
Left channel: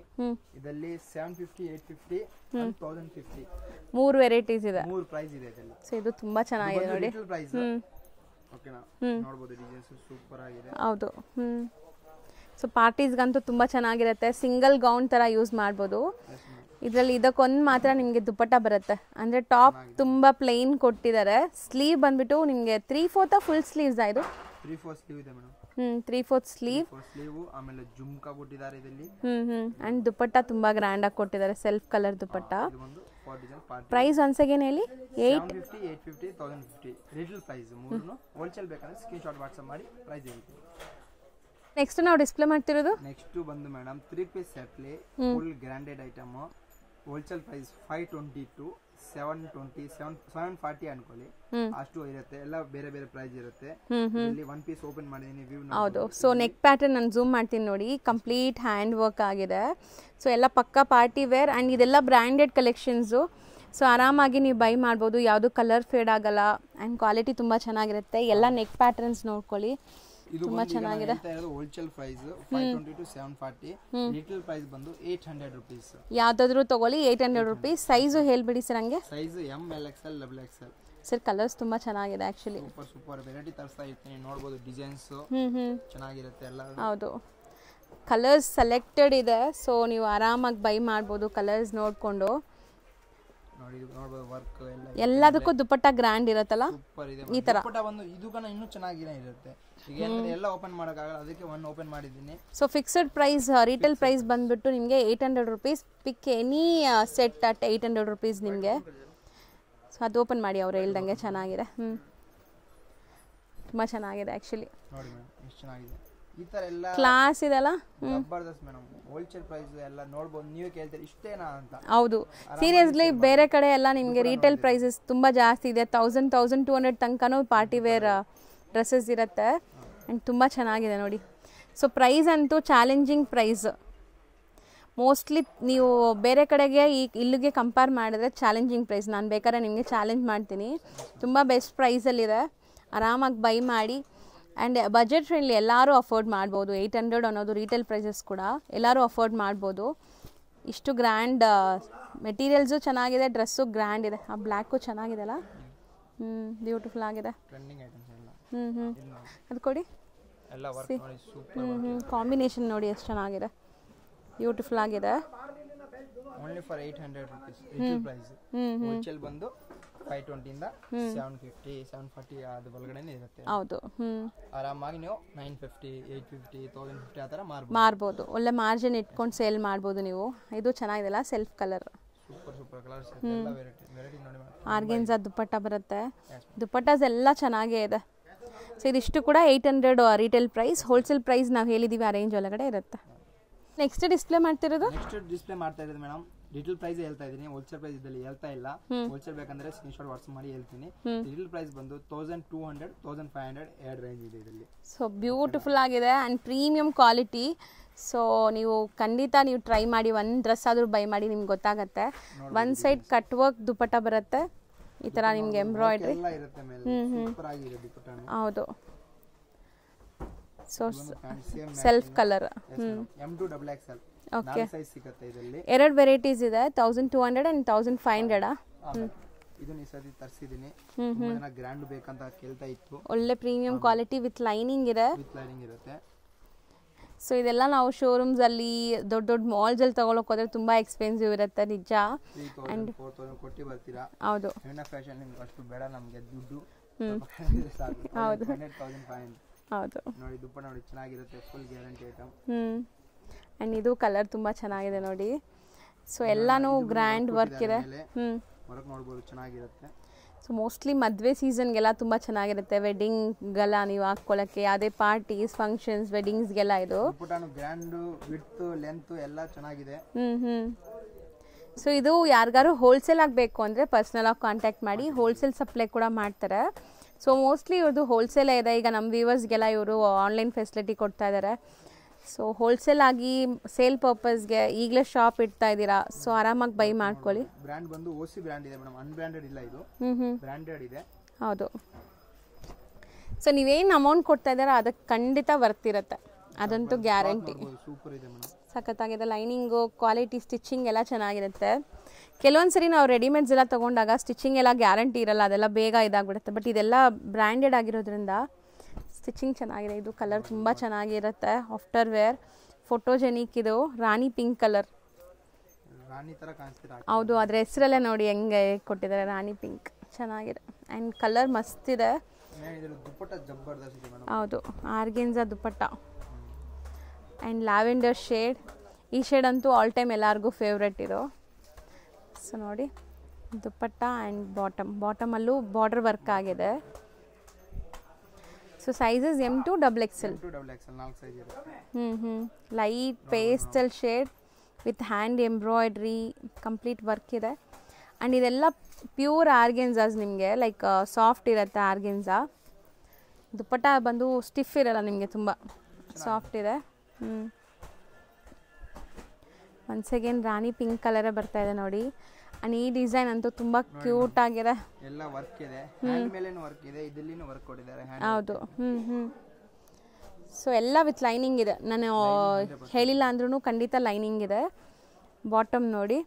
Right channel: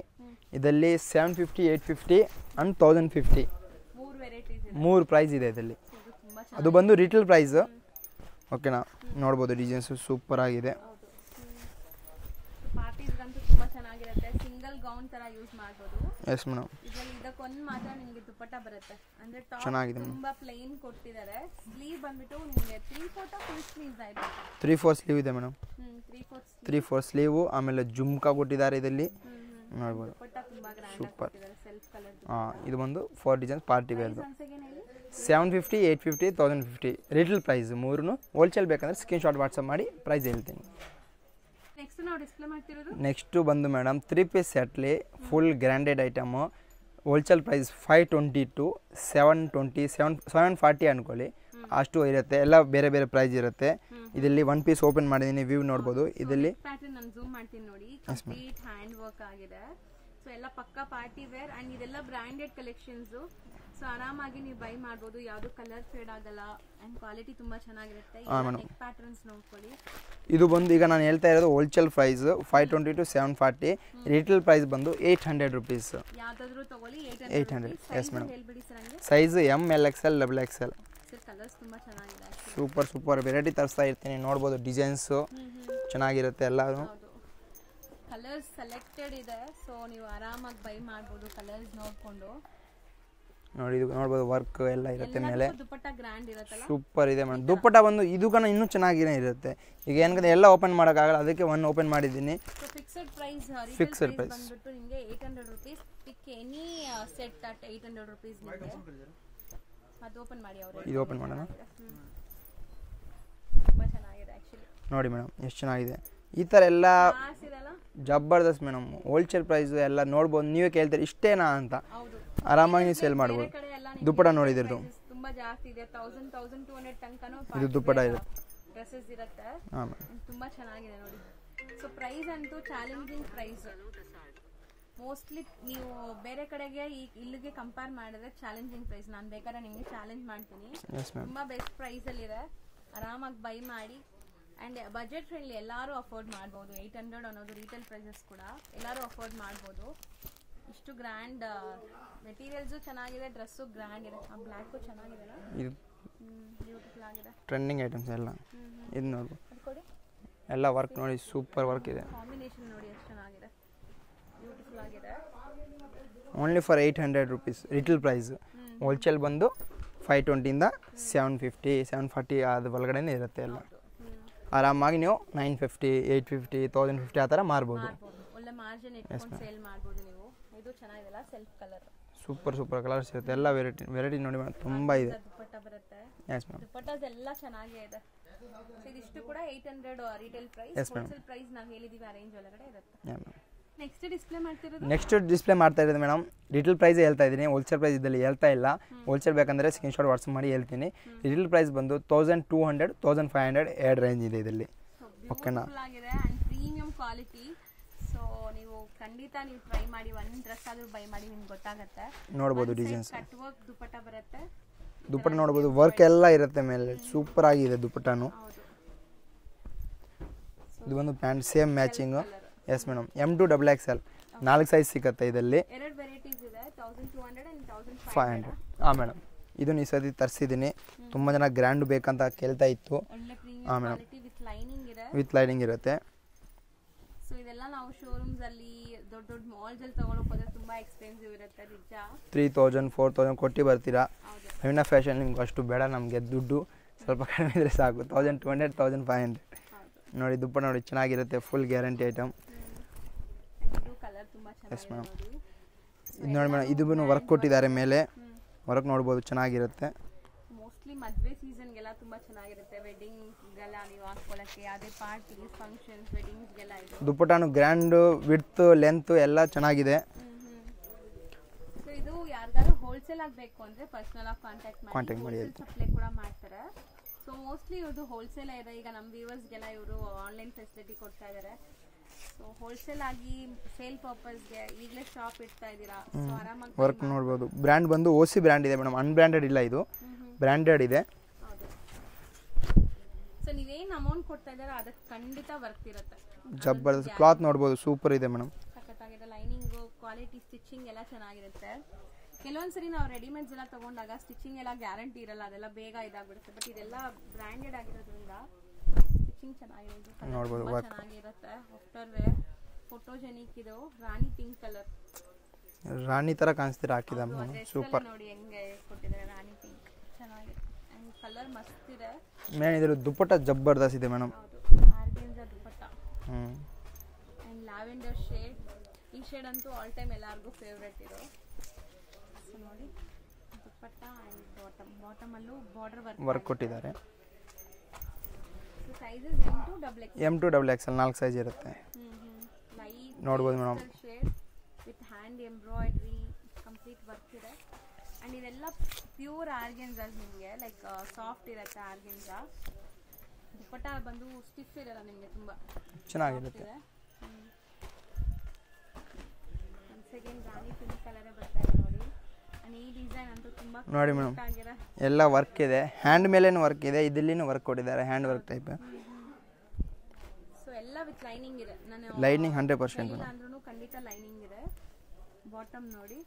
ಇದರಲ್ಲಿ 750, 850 and 1050 ಮೂರು ವೆರೈಟೀಸ್ ಇದೆ, ಮೂರು ಪ್ರೈಸ್ ಇದೆ ಇದರಲ್ಲಿ. ಸೊ ಇದು ತುಂಬಾ ಚೆನ್ನಾಗಿದೆ. ಇದು ಬಂದು ರಿಟೇಲ್ ಪ್ರೈಸ್. ಓಕೆನಾ, ನೋಡಬಹುದು ಡಿಸೈನ್ಸ್ ಸೂಪರ್ ಆಗಿದೆ. ಹೌದು. ಸೊ ಪಾರ್ಟೀಸ್ಗಂತೂ ತುಂಬ ಚೆನ್ನಾಗಿರುತ್ತೆ. ಸಿಂಗಲ್ ಗೌನ್ ಥರ ಯೂಸ್ ಮಾಡ್ಬೋದು. Yes madam. ಇದರಲ್ಲಿ ಇದಕ್ಕೊಂದು ಮಾತ್ರ ನಿಮಗೆ ದುಪ್ಪಟ್ಟ ಬರುತ್ತೆ. ಅಂದರೆ ಟಾಪ್ ತುಂಬ ಪ್ಲೇನ್ ಕೊಟ್ಟಿದ್ದಾರೆ. ಸ್ಲೀವ್ ಬಂದ್ಬಿಟ್ಟು ನಿಮಗೆ 3/4 ಫುಲ್ ಸ್ಲೀವ್ಸ್ ಇದು. 3/4 ಸ್ಲೀವ್ ಇದೆ ಮೇಡಮ್. 3/4 sleeve, 3/4 sleeve. ಆಮೇಲೆ ಜುಮ್ಕಾ ಕೊಟ್ಟಿದ್ದಾರೆ ಇದರಲ್ಲಿ. ಅಂಡ್ ದುಪ್ಪಟ್ಟ ತುಂಬಾ ಗ್ರ್ಯಾಂಡ್ ಆಗಿ ಕೊಟ್ಟಿದ್ದಾರೆ, ಸೆಲ್ಫ್ ಕಲರ್ ದುಪ್ಪಟ್ಟ. ಇದು ಬಂದು 4 designs party. Price once again ಹೇಳಿ. 750, 850, 1050 ರಿಟೇಲ್ ಪ್ರೈಸ್. ಮೂರನ್ನು ಹೋಲ್ಸೇಲ್ ಬೇಕಂದ್ರೆ ಸ್ಕ್ರೀನ್ ಶಾಟ್ ವಾಟ್ಸಪ್ ಮಾಡಿ ಪ್ರೈಸ್ ಹೇಳ್ತೀನಿ. ನೆಕ್ಸ್ಟ್ ನಾವು ಡಿಸ್ಪ್ಲೇ ಮಾಡ್ತಿರೋದು ನೆಕ್ಸ್ಟ್ ಬಂದು ಮೇಡಮ್ 3 ಪೀಸ್ ಸೆಟ್ಲಿ ಫುಲ್ ಗ್ರ್ಯಾಂಡೆಡ್ ಐಟಮ್. ಹೋಲ್ಸೇಲ್ ಪ್ರೈಸ್ 520 to 720, 740 ಅನ್ಕೊಳ್ಳಿ, ಅಷ್ಟು ಇರುತ್ತೆ. ಎಲ್ಲ ಬೇರೆ ಬೇರೆ ಪ್ರೈಸ್ ಇರುತ್ತೆ. ಇದರಲ್ಲಿ 1 ಪೀಸ್ ಓಪನ್ ಮಾಡಿದೀನಿ, ವ್ಯೂ ನೋಡಬಹುದು. ಸೊ ನೆಕ್ ಪ್ಯಾಟರ್ನ್ ನಾನು ಝೂಮ್ ಮಾಡ್ತೀನಿ ನೋಡಿ, ಕಂಪ್ಲೀಟ್ ಹ್ಯಾಂಡ್ ವರ್ಕ್ ಆಗಿದೆ. ಸೊ ಎಲ್ಲ ಪಕ್ಕಾ ಪಾರ್ಟಿ ವೇರ್ ಅಂಡ್ ಇದೆಲ್ಲ ಬ್ರ್ಯಾಂಡೆಡ್ ಕಲೆಕ್ಷನ್ಸು. ಸೊ ಆರಾಮಾಗಿ ನೀವು ಬೈ ಮಾಡ್ಬೋದು, ಯಾವುದು ಕಲರ್ ಫೇಡ್ ಆಗಲ್ಲ ಆ್ಯಂಡ್ ಕ್ವಾಲಿಟಿ ತುಂಬ ಚೆನ್ನಾಗಿರುತ್ತೆ. ಎಲ್ಲ ನೆಕ್ ಪ್ಯಾಟರ್ನ್ಸ್ ನೋಡ್ಕೊಳ್ಳಿ. ಇದು ಬಂದು ಈಗ ನಾನು ಹೇಳ್ತಾ ಇರೋದು wholesale price 520 to 740. Retail price ಬಂದು 800 rupees. ಯಾವ್ದಾದ್ರು ತಗೊಳ್ಳಿ 800 rupees. ಸೈಜು ಹೇಳ್ಬಿಡಿ ಸರ್ ಹಂಗೆ. Size M, LXL, XXL. Sir colours ತುಂಬಾ ಚೆನ್ನಾಗಿದೆ ಆಕ್ಚುಲಿ. ಸೂಪರ್ ವೆರೈಟಿ ತರಿಸ್ತಾ ಇರ್ತೀನಿ, ನೋಡ್ಬೋದು ಡಿಸೈನ್ಸ್ ಚೆನ್ನಾಗಿರುತ್ತೆ ಎಲ್ಲ. ಹೌದು, ಕಲರ್ಸ್ ಸೆಲೆಕ್ಟೆಡ್ ಇದೆ. ಸೊ ನೀವು ಆರಾಮಾಗಿ ಬೈ ಮಾಡ್ಬೋದು ಕಲರ್ಸ್ ನೋಡ್ಕೊಂಡು. ನೋಡಿ ಇದು ನೋಡಬಹುದು, ವರ್ಕ್ ಎಲ್ಲ ಎಲ್ಲದಕ್ಕೂ ದುಪ್ಪಟ್ಟ ಗ್ರ್ಯಾಂಡ್ ಇರುತ್ತಲ್ಲ, ಸೂಪರ್ ಇದೆ. ದುಪ್ಪಟ್ಟ ಬಂದು ಇದಕ್ಕೂ ಇನ್ನೂ ಚೆನ್ನಾಗಿನೇ ಇರುತ್ತೆ. ಈಗ ಏನಂದ್ರೆ ಎಲ್ಲ ಓಪನ್ ಮಾಡೋಕ್ಕಾಗಲ್ಲ, ಅದಕ್ಕೆ ಒಂದು ಓಪನ್ ಮಾಡಿದ್ದೀನಿ. So fixed price, retail price ಬಂದ್ಬಿಟ್ಟು ನಿಮಗೆ 800 rupees. Pick any set at 800 rupees ನಿಮಗೆ. ಸೊ ಅದು ಓಪನ್ ಮಾಡಿ, ಅವ್ರು ಹೇಳ್ದಂಗೆ ಚೆನ್ನಾಗಿದೆ. ತುಂಬ ಚೆನ್ನಾಗಿದೆ ಆ್ಯಕ್ಚುಲಿ. ನೋಡಿ ಮೇಡಮ್ ಎಷ್ಟು ಚೆನ್ನಾಗಿದೆ. ಈ ತರ ಎಲ್ಲ ಕ್ಲಾಸ್ ಇದೆಲ್ಲ ಜಬರ್ದಸ್ತ್ ಮೇಡಮ್. ಹೋಲ್ಸೇಲ್ ಪ್ರೈಸ್ ಎಲ್ಲ ನೋಡಬಹುದು, ನೀವೇ ಕೇಳ್ತೀರಿ ಇಷ್ಟೇನಾ ಅಂತ. ಹೌದು, ಸೀರಿಯಸ್ಲಿ ಬೇರೆ ಕಡೆ ಎಲ್ಲ ನಿಮಗೆ ರಿಟೇಲ್ ಪ್ರೈಸಸ್ ತುಂಬಾ ಜಾಸ್ತಿ ಇದೆ. 1000-1200 ತನಕನೂ ಪಾರ್ಟಿ ವೇರ್ ಡ್ರೆಸ್ಸಸ್ ಇರುತ್ತೆ ಅಂಡ್ ತುಂಬಾ ಚೆನ್ನಾಗಿದೆ ನೋಡಿ. ಸೊ ಪ್ರೈಸ್ ಅಂತೂ ಚಾಲೆಂಜಿಂಗ್ ಪ್ರೈಸ್. ಮೋಸ್ಟ್ಲಿ ನೀವು ಬೇರೆ ಕಡೆಗೆ ಇಲ್ಲಿಗೆ ಕಂಪೇರ್ ಮಾಡಿದ್ರೆ ಚಾಲೆಂಜಿಂಗ್ ಪ್ರೈಸ್. ನಾನು ಬೇಕಾದ್ರೆ ನಿಮಗೆ ಚಾಲೆಂಜ್ ಮಾಡ್ತೀನಿ. ತುಂಬ ಬೆಸ್ಟ್ ಪ್ರೈಸಲ್ಲಿದೆ, ಆರಾಮಾಗಿ ಬೈ ಮಾಡಿ. ಆ್ಯಂಡ್ ಬಜೆಟ್ ಫ್ರೆಂಡ್ಲಿ, ಎಲ್ಲರೂ ಅಫೋರ್ಡ್ ಮಾಡ್ಬೋದು. 800 ಅನ್ನೋದು ರಿಟೇಲ್ ಪ್ರೈಸಸ್ ಕೂಡ ಎಲ್ಲರೂ ಅಫೋರ್ಡ್ ಮಾಡ್ಬೋದು. ಇಷ್ಟು ಗ್ರ್ಯಾಂಡ್ ಮೆಟೀರಿಯಲ್ಸು ಚೆನ್ನಾಗಿದೆ, ಡ್ರೆಸ್ಸು ಗ್ರ್ಯಾಂಡ್ ಇದೆ. ಆ ಬ್ಲ್ಯಾಕು ಚೆನ್ನಾಗಿದೆ ಅಲ್ಲ, ಬ್ಯೂಟಿಫುಲ್ ಆಗಿದೆ. ಟ್ರೆಂಡಿಂಗ್ ಐಟಮ್ಸ್ ಎಲ್ಲ ಇದು ನೋಡಿ, ಅದು ಕೊಡಿ. ಎಲ್ಲ ವರ್ಕ್ ನೋಡಿ, ಸೂಪರ್ ವರ್ಕ್ ಇದೆ. ಕಾಂಬಿನೇಷನ್ ನೋಡಿ ಎಷ್ಟು ಚೆನ್ನಾಗಿದೆ, ಬ್ಯೂಟಿಫುಲ್ ಆಗಿದೆ. Only for 800 rupees retail price. Wholesale ಬಂದು 520 ಇಂದ 750, 740 ಅದು ಒಳಗಡೆನೇ ಇರುತ್ತೆ. ಹೌದು, ಆರಾಮಾಗಿ ನೀವು 950, 850, 1050 ಆ ಥರ ಮಾರ್ಬೋದು. ಒಳ್ಳೆ ಮಾರ್ಜಿನ್ ಇಟ್ಕೊಂಡು ಸೇಲ್ ಮಾಡ್ಬೋದು ನೀವು. ಇದು ಚೆನ್ನಾಗಿದೆಲ್ಲ, ಸೆಲ್ಫ್ ಕಲರ್. ಸೂಪರ್ ಕಲರ್ಸ್ ಇರುತ್ತೆ. ಎಲ್ಲ ವೆರೈಟಿ ನೋಡಿ ಆರ್ಗನ್ಜಾ ದುಪ್ಪಟ್ಟ ಬರುತ್ತೆ. ದುಪ್ಪಟ್ಟಾಸ್ ಎಲ್ಲ ಚೆನ್ನಾಗೇ ಇದೆ. ಸೊ ಇದಿಷ್ಟು ಕೂಡ 800 ರಿಟೇಲ್ ಪ್ರೈಸ್. ಹೋಲ್ಸೇಲ್ ಪ್ರೈಸ್ ನಾವು ಹೇಳಿದೀವಿ ಆ ರೇಂಜ್ ಒಳಗಡೆ ಇರುತ್ತೆ. ನೆಕ್ಸ್ಟ್ ಡಿಸ್ಪ್ಲೇ ಮಾಡ್ತಾ ಇರೋದು ಮೇಡಮ್ ರಿಟೇಲ್ ಪ್ರೈಸ್ ಹೇಳ್ತಾ ಇದ್ದೀನಿ, ಹೋಲ್ಸೇಲ್ ಪ್ರೈಸ್ ಇದ್ದಲ್ಲಿ ಹೇಳ್ತಾ ಇಲ್ಲ. ಹೋಲ್ಸೇಲ್ ಬೇಕಂದ್ರೆ ಸ್ಕ್ರೀನ್ ಶಾಟ್ ವಾಟ್ಸಪ್ ಮಾಡಿ ಹೇಳ್ತೀನಿ. ರಿಟೇಲ್ ಪ್ರೈಸ್ ಬಂದು 1200, 1500 ಎರಡು ರೇಂಜ್ ಇದೆ ಇದರಲ್ಲಿ. ಸೊ ಬ್ಯೂಟಿಫುಲ್ ಆಗಿದೆ ಆ್ಯಂಡ್ ಪ್ರೀಮಿಯಂ ಕ್ವಾಲಿಟಿ. ಸೊ ನೀವು ಖಂಡಿತ ನೀವು ಟ್ರೈ ಮಾಡಿ, ಒಂದು ಡ್ರೆಸ್ ಆದ್ರೂ ಬೈ ಮಾಡಿ, ನಿಮ್ಗೆ ಗೊತ್ತಾಗುತ್ತೆ. ಒನ್ ಸೈಡ್ ಕಟ್ ವರ್ಕ್ ದುಪ್ಪಟ್ಟ ಬರುತ್ತೆ, ಈ ತರ ನಿಮಗೆ ವರ್ಕ್ ಎಲ್ಲ ಇರುತ್ತೆ ಮೇಲೆ. ಸೂಪರ್ ಆಗಿದೆ ದುಪ್ಪಟ್ಟನು. ಹೌದು, ಸೊ ಇದು ಒಂದು pant same self matching. Colour. Yes madam, M2XXL 4 size ಸಿಗುತ್ತೆ ಇದರಲ್ಲಿ. ಎರಡು ವೆರೈಟೀಸ್ ಇದೆ, 1200 and 1500. ಹಾಂ ಮೇಡಮ್, ಇದು ಈ ಸತಿ ತರಿಸಿದ್ದೀನಿ. ತುಂಬ ಜನ ಗ್ರ್ಯಾಂಡ್ ಬೇಕಂತ ಕೇಳ್ತಾ ಇತ್ತು. ಒಳ್ಳೆ ಪ್ರೀಮಿಯಂ ಕ್ವಾಲಿಟಿ ವಿತ್ ಲೈನಿಂಗ್ ಇದೆ. ವಿತ್ ಲೈನಿಂಗ್ ಇರುತ್ತೆ. ಸೊ ಇದೆಲ್ಲ ನಾವು ಶೋರೂಮ್ಸ್ ಅಲ್ಲಿ ದೊಡ್ಡ ದೊಡ್ಡ ಮಾಲ್ಸ್ ಅಲ್ಲಿ ತಗೊಳಕ್ ಹೋದ್ರೆ ತುಂಬಾ ಎಕ್ಸ್ಪೆನ್ಸಿವ್ ಇರುತ್ತೆ ನಿಜ. 3000 4000 ಕೊಟ್ಟು ಬರ್ತೀರಾ. ಹೌದು. ಹೆಣ್ಣ ಫ್ಯಾಷನ್ ನಿಮ್ಗೆ ಅಷ್ಟು ಬೇಡ, ನಮಗೆ ದುಡ್ಡು ಸ್ವಲ್ಪ ಕಡಿಮೆ ಇದ್ರೆ ಸಾಕು. 1200 1500. ಹೌದು. ನೋಡಿ ದುಪ್ಪಟ್ಟ ನೋಡಿ ಚೆನ್ನಾಗಿರುತ್ತೆ, ಫುಲ್ ಗ್ಯಾರಂಟಿ ಐಟಮ್. ಅಂಡ್ ಇದು ಕಲರ್ ತುಂಬಾ ಚೆನ್ನಾಗಿದೆ ನೋಡಿ. ಸೊ ಎಲ್ಲಾನು ಬ್ರ್ಯಾಂಡ್ ಕೊಟ್ಟಿದ್ದಾರೆ ಮೇಲೆ, ವರ್ಕ್ ನೋಡಬಹುದು ಚೆನ್ನಾಗಿರುತ್ತೆ. ಸೊ ಮೋಸ್ಟ್ಲಿ ಮದುವೆ ಸೀಸನ್ಗೆಲ್ಲ ತುಂಬ ಚೆನ್ನಾಗಿರುತ್ತೆ, ವೆಡ್ಡಿಂಗ್ಗೆಲ್ಲ ನೀವು ಹಾಕ್ಕೊಳ್ಳೋಕ್ಕೆ, ಯಾವುದೇ ಪಾರ್ಟೀಸ್ ಫಂಕ್ಷನ್ಸ್ ವೆಡ್ಡಿಂಗ್ಸ್ಗೆಲ್ಲ ಇದು. ದುಪ್ಪಟ್ಟಾನು ಗ್ರ್ಯಾಂಡ್, ವಿಡ್ತ್ ಲೆಂತ್ ಎಲ್ಲ ಚೆನ್ನಾಗಿದೆ. ಸೊ ಇದು ಯಾರಿಗಾರು ಹೋಲ್ಸೇಲ್ ಆಗಬೇಕು ಅಂದರೆ ಪರ್ಸ್ನಲ್ ಆಗಿ ಕಾಂಟ್ಯಾಕ್ಟ್ ಮಾಡಿ, ಹೋಲ್ಸೇಲ್ ಸಪ್ಲೈ ಕೂಡ ಮಾಡ್ತಾರೆ. ಸೊ ಮೋಸ್ಟ್ಲಿ ಇವ್ರದ್ದು ಹೋಲ್ಸೇಲೇ ಇದೆ. ಈಗ ನಮ್ಮ ವ್ಯೂವರ್ಸ್ಗೆಲ್ಲ ಇವರು ಆನ್ಲೈನ್ ಫೆಸಿಲಿಟಿ ಕೊಡ್ತಾ ಇದ್ದಾರೆ. ಸೊ ಹೋಲ್ಸೇಲ್ ಆಗಿ ಸೇಲ್ ಪರ್ಪಸ್ಗೆ ಈಗಲೇ ಶಾಪ್ ಇಡ್ತಾ ಇದ್ದೀರಾ, ಸೊ ಆರಾಮಾಗಿ ಬೈ ಮಾಡ್ಕೊಳ್ಳಿ. ಬ್ರ್ಯಾಂಡ್ ಬಂದು ಓಸಿ ಬ್ರ್ಯಾಂಡ್ ಇದೆ ಮೇಡಮ್, ಅನ್ಬ್ರ್ಯಾಂಡೆಡ್ ಇಲ್ಲ, ಇದು ಬ್ರ್ಯಾಂಡೆಡ್ ಇದೆ. ಹೌದು. ಸೊ ನೀವೇನು ಅಮೌಂಟ್ ಕೊಡ್ತಾ ಇದ್ದೀರಾ ಅದಕ್ಕೆ ಖಂಡಿತ ವರ್ತ್ ಇರುತ್ತೆ, ಅದಂತೂ ಗ್ಯಾರಂಟಿ. ನೋಡಬಹುದು, ಸೂಪರ್ ಇದೆ ಮೇಡಮ್, ಸಖತ್ತಾಗಿದೆ. ಲೈನಿಂಗು ಕ್ವಾಲಿಟಿ ಸ್ಟಿಚಿಂಗ್ ಎಲ್ಲ ಚೆನ್ನಾಗಿರುತ್ತೆ. ಕೆಲವೊಂದ್ಸರಿ ನಾವು ರೆಡಿಮೇಡ್ಸ್ ಎಲ್ಲ ತೊಗೊಂಡಾಗ ಸ್ಟಿಚಿಂಗ್ ಎಲ್ಲ ಗ್ಯಾರಂಟಿ ಇರಲ್ಲ, ಅದೆಲ್ಲ ಬೇಗ ಇದಾಗ್ಬಿಡುತ್ತೆ. ಬಟ್ ಇದೆಲ್ಲ ಬ್ರ್ಯಾಂಡೆಡ್ ಆಗಿರೋದ್ರಿಂದ ಸ್ಟಿಚಿಂಗ್ ಚೆನ್ನಾಗಿದೆ. ಇದು ಕಲರ್ ತುಂಬ ಚೆನ್ನಾಗಿರುತ್ತೆ, ಆಫ್ಟರ್ ವೇರ್ ಫೋಟೋಜೆನಿಕ್. ಇದು ರಾಣಿ ಪಿಂಕ್ ಕಲರ್, ರಾಣಿ ತರ ಕಾಣಿಸ್ತೀರಾ. ಹೌದು, ಅದ್ರ ಹೆಸರಲ್ಲೇ ನೋಡಿ ಹೆಂಗೆ ಕೊಟ್ಟಿದ್ದಾರೆ, ರಾಣಿ ಪಿಂಕ್. ಚೆನ್ನಾಗಿದೆ ಆ್ಯಂಡ್ ಕಲರ್ ಮಸ್ತ್ ಇದೆ. ಮೇನ್ ಇದ್ರ ದುಪ್ಪಟ್ಟ ಜಬರ್ದಸ್ತ್ ಇದೆ ಮೇಡಮ್. ಹೌದು, organza dupatta and lavender shade. ಈ ಶೇಡ್ ಅಂತೂ ಆಲ್ ಟೈಮ್ ಎಲ್ಲರಿಗೂ ಫೇವ್ರೆಟ್ ಇದು. ಸೊ ನೋಡಿ ದುಪ್ಪಟ್ಟ ಆ್ಯಂಡ್ ಬಾಟಮಲ್ಲೂ ಬಾರ್ಡರ್ ವರ್ಕ್ ಆಗಿದೆ. So sizes M2XXL. M2XXL 4 size ಇರುತ್ತೆ. Light pastel shade with hand embroidery, complete work ಇದೆ. ಆ್ಯಂಡ್ ಇದೆಲ್ಲ ಪ್ಯೂರ್ ಆರ್ಗೆನ್ಸಾಸ್, ನಿಮಗೆ ಲೈಕ್ ಸಾಫ್ಟ್ ಇರುತ್ತೆ ಆರ್ಗೆನ್ಸಾ. ದುಪ್ಪಟ್ಟ ಬಂದು ಸ್ಟಿಫ್ ಇರಲ್ಲ ನಿಮಗೆ, ತುಂಬ ಸಾಫ್ಟ್ ಇದೆ. ಒನ್ಸ್ ಅಗೇನ್ ರಾಣಿ ಪಿಂಕ್ ಕಲರೇ ಬರ್ತಾ ಇದೆ ನೋಡಿ. ಆ್ಯಂಡ್ ಈ ಡಿಸೈನ್ ಅಂತೂ ತುಂಬ ಕ್ಯೂಟ್ ಆಗಿದೆ. ಎಲ್ಲ ವರ್ಕ್ ಇದೆ, ಹ್ಯಾಂಡ್ ಮೇಲೇನು ವರ್ಕ್ ಇದೆ, ಇದಲ್ಲಿನೂ ವರ್ಕ್ ಕೊಟ್ಟಿದ್ದಾರೆ, ಹ್ಯಾಂಡ್ ವರ್ಕ್ ಟೈಪ್. ಸೊ ಎಲ್ಲ ವಿತ್ ಲೈನಿಂಗ್ ಇದೆ. ನಾನು ಹೇಳಿಲ್ಲ ಅಂದ್ರೂ ಖಂಡಿತ ಲೈನಿಂಗ್ ಇದೆ. ಬಾಟಮ್ ನೋಡಿ,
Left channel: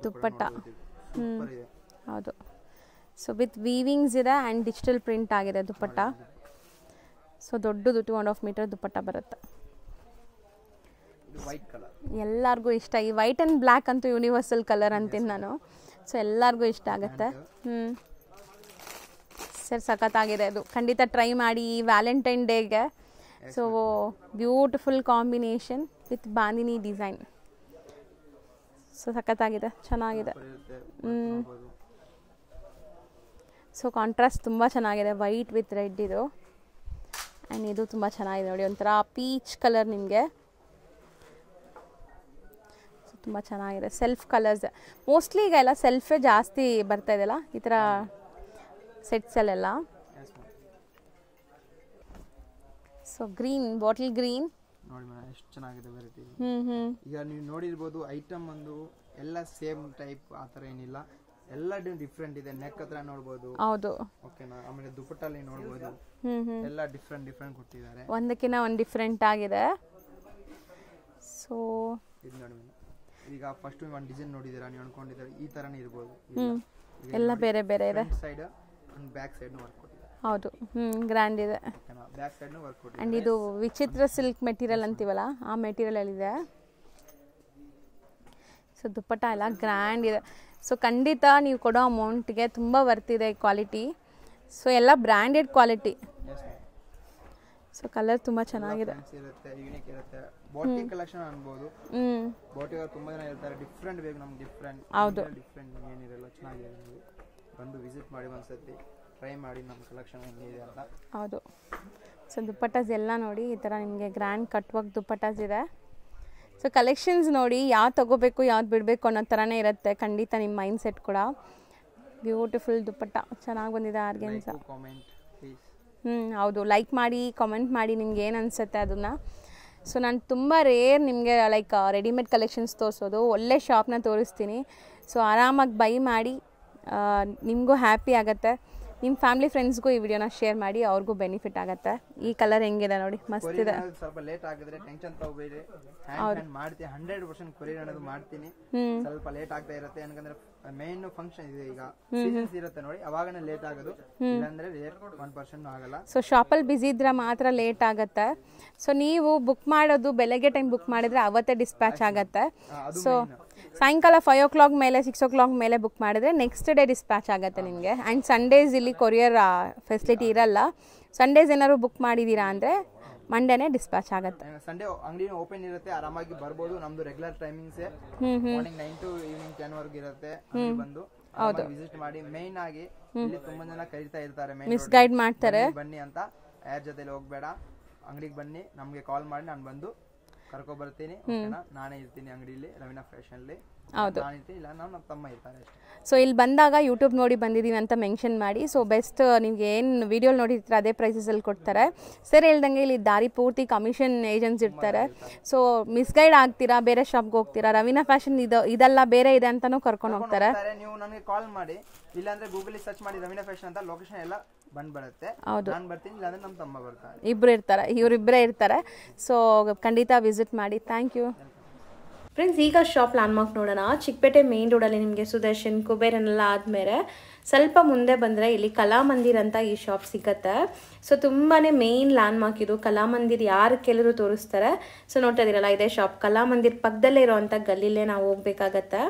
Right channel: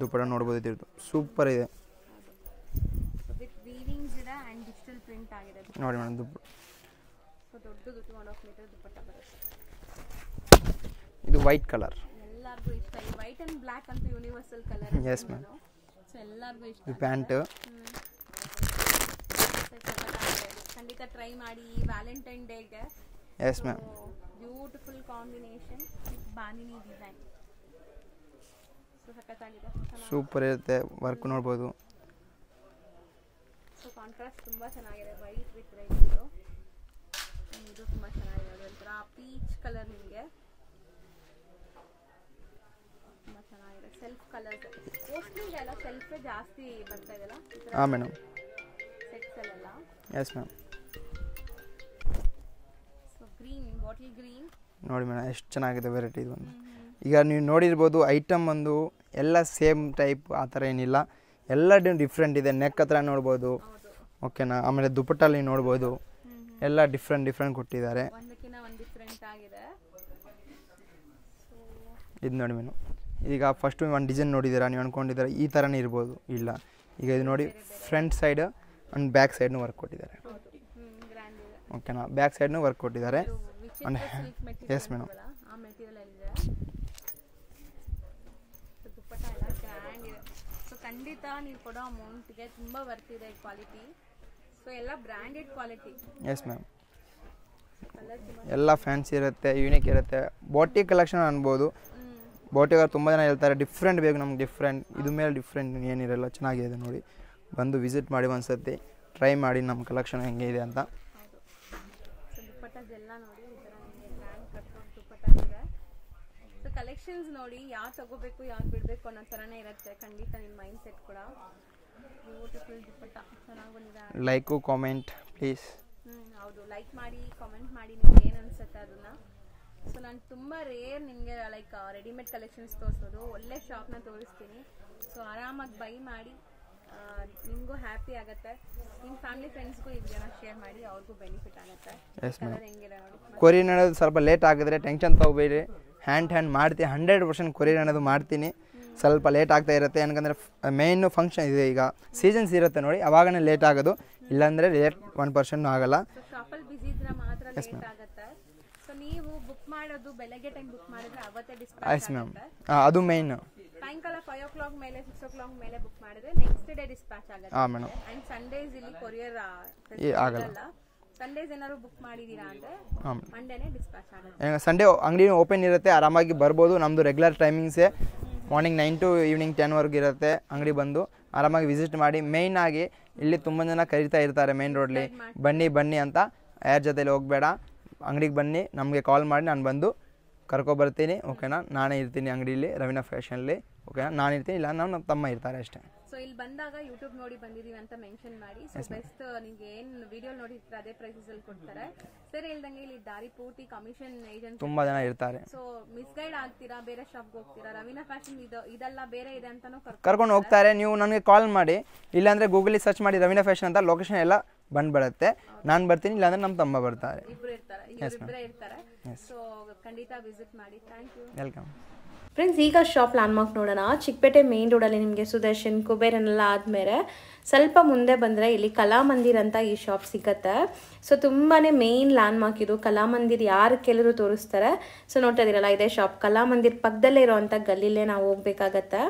ದುಪ್ಪಟ್ಟ ನೋಡಬಹುದು, ಸೂಪರ್ ಇದೆ. ಹೌದು. ಸೊ ವಿತ್ ವೀವಿಂಗ್ಸ್ ಇದೆ ಆ್ಯಂಡ್ ಡಿಜಿಟಲ್ ಪ್ರಿಂಟ್ ಆಗಿದೆ ದುಪ್ಪಟ್ಟ. ಸೊ ದೊಡ್ಡದು 2.5 ಮೀಟರ್ ದುಪ್ಪಟ್ಟ ಬರುತ್ತೆ. ಇದು ವೈಟ್ ಕಲರ್, ಎಲ್ಲರಿಗೂ ಇಷ್ಟ. ಈ ವೈಟ್ ಅಂಡ್ ಬ್ಲ್ಯಾಕ್ ಅಂತೂ ಯೂನಿವರ್ಸಲ್ ಕಲರ್ ಅಂತೀನಿ ನಾನು. ಸೊ ಎಲ್ಲರಿಗೂ ಇಷ್ಟ ಆಗುತ್ತೆ. ಸರ್ ಸಖತ್ತಾಗಿದೆ, ಅದು ಖಂಡಿತ ಟ್ರೈ ಮಾಡಿ ಈ ವ್ಯಾಲೆಂಟೈನ್ ಡೇಗೆ. So beautiful combination with bandhani design. So ಸಖತ್ತಾಗಿದೆ, ಚೆನ್ನಾಗಿದೆ, ಸೂಪರ್ ಇರುತ್ತೆ, ವರ್ಕ್ ನೋಡಬಹುದು. ಸೊ ಕಾಂಟ್ರಾಸ್ಟ್ ತುಂಬ ಚೆನ್ನಾಗಿದೆ, ವೈಟ್ ವಿತ್ ರೆಡ್ ಇದು. ಆ್ಯಂಡ್ ಇದು ತುಂಬ ಚೆನ್ನಾಗಿದೆ ನೋಡಿ, ಒಂಥರ ಪೀಚ್ ಕಲರ್ ನಿಮಗೆ. ತುಂಬ ಚೆನ್ನಾಗಿದೆ, ಸೆಲ್ಫ್ ಕಲರ್ಸ್. ಮೋಸ್ಟ್ಲಿ ಈಗ ಎಲ್ಲ ಸೆಲ್ಫೇ ಜಾಸ್ತಿ ಬರ್ತಾ ಇದೆಯಲ್ಲ ಈ ಥರ ಸೆಟ್ಸಲ್ಲೆಲ್ಲ. Yes ma'am. So green, bottle green ನೋಡಿ ಮೇಡಮ್, ಎಷ್ಟು ಚೆನ್ನಾಗಿದೆ ವೆರೈಟಿ ಇದು. ಈಗ ನೀವು ನೋಡಿರ್ಬೋದು, ಐಟಮ್ ಒಂದು ಎಲ್ಲ ಸೇಮ್ ಟೈಪ್ ಆ ಥರ ಏನಿಲ್ಲ, ಎಲ್ಲ ಡಿಫ್ರೆಂಟ್ ಇದೆ. ನೆಕ್ ಹತ್ರ ನೋಡ್ಬೋದು, ಹೌದು, ಓಕೆನಾ. ಆಮೇಲೆ ದುಪ್ಪಟ್ಟಲ್ಲಿ ನೋಡ್ಬೋದು, ಎಲ್ಲ ಡಿಫ್ರೆಂಟ್ ಕೊಟ್ಟಿದ್ದಾರೆ, ಒಂದಕ್ಕಿಂತ ಒಂದು ಡಿಫ್ರೆಂಟ್ ಆಗಿದೆ. ಸೊ ಇದು ನೋಡಿ ಮೇಡಮ್, ಈಗ ಫಸ್ಟ್ ಒಂದು ಡಿಸೈನ್ ನೋಡಿದ್ದೀರಾ, ನೀವು ಅನ್ಕೊಂಡಿದ್ದೀರಾ ಈ ಥರನೇ ಇರ್ಬೋದು, ಇಲ್ಲ. ಈಗ ಇಲ್ಲಿ ನೋಡಿ, ಫ್ರಂಟ್ ಸೈಡ್ ಅಂಡ್ ಬ್ಯಾಕ್ ಸೈಡ್ನು ವರ್ಕ್ ಕೊಟ್ಟಿದ್ದಾರೆ. ಹೌದು, ಗ್ರ್ಯಾಂಡ್ ಇದೆ, ಓಕೆನಾ. ಬ್ಯಾಕ್ ಸೈಡ್ನು ವರ್ಕ್ ಕೊಟ್ಟಿದ್ದಾರೆ. ಇದು ವಿಚಿತ್ರ ಸಿಲ್ಕ್ ಮೆಟೀರಿಯಲ್ ಅಂತೀವಲ್ಲ, ಆ ಮೆಟೀರಿಯಲ್ ಇದೆ. ಸೊ ದುಪ್ಪಟ್ಟ ಎಲ್ಲ ಗ್ರ್ಯಾಂಡ್ ಇದೆ. ಸೊ ಖಂಡಿತ ನೀವು ಕೊಡೋ ಅಮೌಂಟ್ಗೆ ತುಂಬ ವರ್ತಿದೆ ಈ ಕ್ವಾಲಿಟಿ. ಸೊ ಎಲ್ಲ branded quality. S ma'am. So colour ತುಂಬ ಎಲ್ಲ ಫ್ಯಾನ್ಸಿ ಇರುತ್ತೆ, ಯೂನಿಕ್ ಇರುತ್ತೆ. ಬೋಟಿ ಕಲೆಕ್ಷನ್ ಅನ್ಬೋದು. ಬೋಟಿಗೆ ತುಂಬ ಜನ ಹೇಳ್ತಾರೆ ಡಿಫ್ರೆಂಟ್ ಬೇಕು ನಮ್ಗೆ, ಡಿಫ್ರೆಂಟ್ ಇದ್ರ ಮೇಲೆ ಡಿಫ್ರೆಂಟ್ ಏನಿರಲ್ಲ, ಚೆನ್ನಾಗಿದೆ ನೋಡಿ. ಬಂದು ವಿಸಿಟ್ ಮಾಡಿ ಒಂದ್ಸತಿ, ಟ್ರೈ ಮಾಡಿ ನಮ್ಮ ಕಲೆಕ್ಷನ್ ಹೆಂಗೆ ಇದೆ ಅಂತ. ಹೌದು. ಸೊ ದುಪ್ಪಟ್ಟಾಸ್ ಎಲ್ಲ ನೋಡಿ, ಈ ಥರ ನಿಮಗೆ ಗ್ರ್ಯಾಂಡ್ ಕಟ್ ವರ್ಕ್ ದುಪ್ಪಟ್ಟಾಸ್ ಇದೆ. ಸೊ ಕಲೆಕ್ಷನ್ಸ್ ನೋಡಿ, ಯಾವ್ದು ತೊಗೋಬೇಕು ಯಾವ್ದು ಬಿಡಬೇಕು ಅನ್ನೋ ಥರನೇ ಇರುತ್ತೆ ಖಂಡಿತ ನಿಮ್ಮ ಮೈಂಡ್ ಸೆಟ್ ಕೂಡ. ಬ್ಯೂಟಿಫುಲ್ ದುಪ್ಪಟ್ಟ ಚೆನ್ನಾಗಿ ಬಂದಿದೆ. Like comment please. ಹೌದು, ಲೈಕ್ ಮಾಡಿ ಕಾಮೆಂಟ್ ಮಾಡಿ ನಿಮ್ಗೆ ಏನು ಅನಿಸುತ್ತೆ ಅದನ್ನು. ಸೊ ನಾನು ತುಂಬ ರೇರ್ ನಿಮಗೆ ಲೈಕ್ ರೆಡಿಮೇಡ್ ಕಲೆಕ್ಷನ್ಸ್ ತೋರಿಸೋದು, ಒಳ್ಳೆ ಶಾಪ್ನ ತೋರಿಸ್ತೀನಿ. ಸೊ ಆರಾಮಾಗಿ ಬೈ ಮಾಡಿ, ನಿಮಗೂ ಹ್ಯಾಪಿ ಆಗುತ್ತೆ. ನಿಮ್ಮ ಫ್ಯಾಮಿಲಿ ಫ್ರೆಂಡ್ಸ್ಗೂ ಈ ವಿಡಿಯೋನ ಶೇರ್ ಮಾಡಿ, ಅವ್ರಿಗೂ ಬೆನಿಫಿಟ್ ಆಗುತ್ತೆ. ಈ ಕಲರ್ ಹೆಂಗಿದೆ ನೋಡಿ, ಕೊರಿಯರ್ ಅನ್ನೋದು ಸ್ವಲ್ಪ ಲೇಟ್ ಆಗಿದ್ರೆ ಟೆನ್ಷನ್ ತಗೋಬೇಡಿ, ಹ್ಯಾಂಡ್ ಮಾಡ್ತೀನಿ 100% ಕೊರಿಯರ್ ಅನ್ನೋದು ಮಾಡ್ತೀನಿ. ಸ್ವಲ್ಪ ಲೇಟ್ ಆಗ್ತಾ ಇರುತ್ತೆ, ಯಾಕಂದ್ರೆ ಮೇನ್ ಫಂಕ್ಷನ್ ಇದೆ, ಈಗ ಸೀಸನ್ಸ್ ಇರುತ್ತೆ ನೋಡಿ, ಅವಾಗನೇ ಲೇಟ್ ಆಗೋದು, ಇಲ್ಲಾಂದ್ರೆ ಲೇಟ್ 1% ಆಗಲ್ಲ. ಸೊ ಶಾಪಲ್ಲಿ ಬಿಸಿ ಇದ್ರೆ ಮಾತ್ರ ಲೇಟ್ ಆಗುತ್ತೆ. ಸೊ ನೀವು ಬುಕ್ ಮಾಡೋದು ಬೆಳಗ್ಗೆ ಟೈಮ್ ಬುಕ್ ಮಾಡಿದ್ರೆ ಅವತ್ತೇ ಡಿಸ್ಪ್ಯಾಚ್ ಆಗುತ್ತೆ. ಅದು ಮೇನ್. ಸಾಯಂಕಾಲ 5 o'clock ಮೇಲೆ 6 o'clock ಮೇಲೆ ಬುಕ್ ಮಾಡಿದ್ರೆ ನೆಕ್ಸ್ಟ್ ಡೇ ಡಿಸ್ಪ್ಯಾಚ್ ಆಗುತ್ತೆ ನಿಮಗೆ. ಆ್ಯಂಡ್ ಸಂಡೇಸ್ ಇಲ್ಲಿ ಕೊರಿಯರ್ ಫೆಸಿಲಿಟಿ ಇರಲ್ಲ. ಸಂಡೇಸ್ ಏನಾದ್ರು ಬುಕ್ ಮಾಡಿದೀರಾ ಅಂದರೆ ಮಂಡೇನೇ ಡಿಸ್ಪ್ಯಾಚ್ ಆಗುತ್ತೆ. ಸಂಡೇ ಅಂಗಡಿ ಓಪನ್ ಇರುತ್ತೆ, ಆರಾಮಾಗಿ ಬರ್ಬೋದು. ನಮ್ಮದು ರೆಗ್ಯುಲರ್ ಟೈಮಿಂಗ್ಸೇ ಮಾರ್ನಿಂಗ್ 9 to ಈವ್ನಿಂಗ್ 10 ವರೆಗೂ ಇರುತ್ತೆ. ಅಂಗಡಿ ಬಂದು ಆರಾಮಾಗಿ ವಿಸಿಟ್ ಮಾಡಿ. ಮೇಯ್ನ್ ಆಗಿ ಇಲ್ಲಿ ತುಂಬ ಜನ ಕರೀತಾ ಇರ್ತಾರೆ ಮೇನ್ ರೋಡ್, ಬನ್ನಿ ಅಂತ. ಯಾರ ಜೊತೆಲಿ ಹೋಗಬೇಡ, ಅಂಗಡಿಗೆ ಬನ್ನಿ, ನಮಗೆ ಕಾಲ್ ಮಾಡಿ, ನಾನು ಬಂದು ಕರ್ಕೊಬರ್ತೀನಿ. ಓಕೆನಾ, ನಾನೇ ಇರ್ತೀನಿ ಅಂಗಡಿಲಿ, ರವೀನಾ ಫ್ಯಾಷನಲ್ಲಿ ನಾನು ಇರ್ತೀನಿ, ಇಲ್ಲ ನಮ್ಮ ತಮ್ಮ ಇರ್ತಾರೆ ಅಷ್ಟೇ. ಸೊ ಇಲ್ಲಿ ಬಂದಾಗ ಯೂಟ್ಯೂಬ್ ನೋಡಿ ಬಂದಿದ್ದೀವಿ ಅಂತ ಮೆನ್ಷನ್ ಮಾಡಿ. ಸೊ ಬೆಸ್ಟ್ ನಿಮ್ಗೆ ಏನು ವಿಡಿಯೋ ನೋಡಿರ್ತಾರೆ ಅದೇ ಪ್ರೈಸಸಲ್ಲಿ ಕೊಡ್ತಾರೆ. ಸರ್ ಹೇಳ್ದಂಗೆ ಇಲ್ಲಿ ದಾರಿ ಪೂರ್ತಿ ಕಮಿಷನ್ ಏಜೆಂಟ್ಸ್ ಇರ್ತಾರೆ. ಸೊ ಮಿಸ್ಗೈಡ್ ಆಗ್ತೀರಾ, ಬೇರೆ ಶಾಪ್ಗೆ ಹೋಗ್ತೀರಾ, ರವೀನಾ ಫ್ಯಾಷನ್ ಇದೆಲ್ಲ ಬೇರೆ ಇದೆ ಅಂತಾನು ಕರ್ಕೊಂಡು ಹೋಗ್ತಾರೆ. ನೀವು ನನಗೆ ಕಾಲ್ ಮಾಡಿ, ಇಲ್ಲಾಂದ್ರೆ ಗೂಗಲ್ ಸರ್ಚ್ ಮಾಡಿ ರವೀನಾ ಫ್ಯಾಷನ್ ಅಂತ, ಲೊಕೇಶನ್ ಎಲ್ಲ ಬಂದ್ಬಿಡುತ್ತೆ. ನಾನು ಬರ್ತೀನಿ, ಇಲ್ಲಾಂದ್ರೆ ನಮ್ಮ ತಮ್ಮ ಬರ್ತಾರೆ, ಇಬ್ಬರು ಇರ್ತಾರೆ, ಇವರಿಬ್ಬರೇ ಇರ್ತಾರೆ. ಸೊ ಖಂಡಿತ ವಿಸಿಟ್ ಮಾಡಿ. Thank you. Welcome friends. ಈಗ ಶಾಪ್ ಲ್ಯಾಂಡ್ಮಾರ್ಕ್ ನೋಡೋಣ. ಚಿಕ್ಕಪೇಟೆ ಮೇನ್ ರೋಡಲ್ಲಿ ನಿಮಗೆ ಸುದರ್ಶನ್, ಕುಬೇರನೆಲ್ಲ ಆದಮೇಲೆ ಸ್ವಲ್ಪ ಮುಂದೆ ಬಂದರೆ ಇಲ್ಲಿ ಕಲಾಮಂದಿರ್ ಅಂತ ಈ ಶಾಪ್ ಸಿಗುತ್ತೆ. ಸೊ ತುಂಬಾ ಮೇನ್ ಲ್ಯಾಂಡ್ಮಾರ್ಕ್ ಇದು. ಕಲಾಮಂದಿರ್ ಯಾರು ಕೆಲವರು ತೋರಿಸ್ತಾರೆ. ಸೊ ನೋಡ್ತಾ ಇದ್ದೀರಲ್ಲ, ಇದೇ ಶಾಪ್. ಕಲಾಮಂದಿರ್ ಪಕ್ಕದಲ್ಲೇ ಇರೋವಂಥ ಗಲ್ಲಿಲೇ ನಾವು ಹೋಗ್ಬೇಕಾಗತ್ತೆ.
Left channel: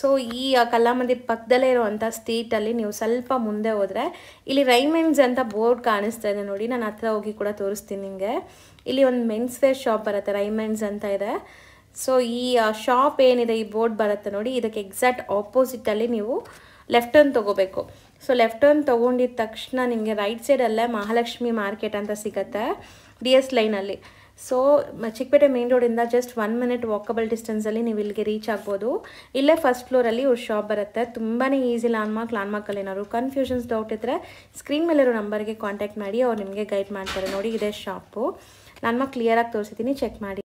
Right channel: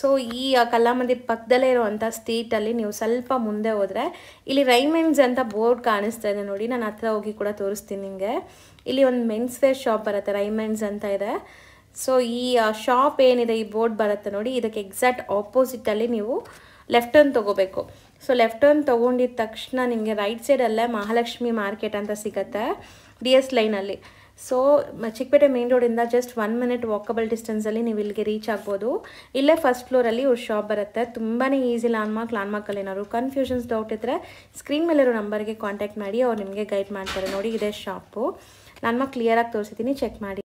ಸೊ ಈ ಕಲಾಮಂದಿರ್ ಪಕ್ಕದಲ್ಲೇ ಇರೋವಂಥ ಸ್ಟ್ರೀಟಲ್ಲಿ ನೀವು ಸ್ವಲ್ಪ ಮುಂದೆ ಹೋದರೆ ಇಲ್ಲಿ ರೈಮೆನ್ಸ್ ಅಂತ ಬೋರ್ಡ್ ಕಾಣಿಸ್ತಾ ಇದೆ ನೋಡಿ. ನಾನು ಹತ್ರ ಹೋಗಿ ಕೂಡ ತೋರಿಸ್ತೀನಿ ನಿಮಗೆ. ಇಲ್ಲಿ ಒಂದು ಮೆನ್ಸ್ ವೇರ್ ಶಾಪ್ ಬರುತ್ತೆ, ರೈಮೆನ್ಸ್ ಅಂತ ಇದೆ. ಸೊ ಈ ಶಾಪ್ ಏನಿದೆ, ಈ ಬೋರ್ಡ್ ಬರುತ್ತೆ ನೋಡಿ, ಇದಕ್ಕೆ ಎಕ್ಸಾಕ್ಟ್ ಆಪೋಸಿಟಲ್ಲಿ ನೀವು ಲೆಫ್ಟ್ ಟರ್ನ್ ತೊಗೋಬೇಕು. ಸೊ ಲೆಫ್ಟ್ ಟರ್ನ್ ತೊಗೊಂಡಿದ್ದ ತಕ್ಷಣ ನಿಮಗೆ ರೈಟ್ ಸೈಡಲ್ಲೇ ಮಹಾಲಕ್ಷ್ಮಿ ಮಾರ್ಕೆಟ್ ಅಂತ ಸಿಗುತ್ತೆ, DS ಲೈನಲ್ಲಿ. ಸೊ ಚಿಕ್ಕಪೇಟೆ ಮೇನ್ ರೋಡಿಂದ ಜಸ್ಟ್ 1 minute ವಾಕಬಲ್ ಡಿಸ್ಟೆನ್ಸಲ್ಲಿ ನೀವು ಇಲ್ಲಿಗೆ ರೀಚ್ ಆಗ್ಬೋದು. ಇಲ್ಲೇ ಫಸ್ಟ್ ಫ್ಲೋರಲ್ಲಿ ಇವ್ರ ಶಾಪ್ ಬರುತ್ತೆ. ತುಂಬಾ ಈಸಿ ಲ್ಯಾಂಡ್ಮಾರ್ಕಲ್ಲಿ ಏನಾದ್ರು ಕನ್ಫ್ಯೂಷನ್ಸ್, ಡೌಟ್ ಇದ್ದರೆ ಸ್ಕ್ರೀನ್ ಮೇಲಿರೋ ನಂಬರ್ಗೆ ಕಾಂಟ್ಯಾಕ್ಟ್ ಮಾಡಿ, ಅವ್ರು ನಿಮಗೆ ಗೈಡ್ ಮಾಡ್ತಾರೆ. ನೋಡಿ, ಇದೇ ಶಾಪು. ಲ್ಯಾಂಡ್ಮಾರ್ಕ್ ಕ್ಲಿಯರಾಗಿ ತೋರಿಸಿದ್ದೀನಿ, ಚೆಕ್ ಮಾಡಿ.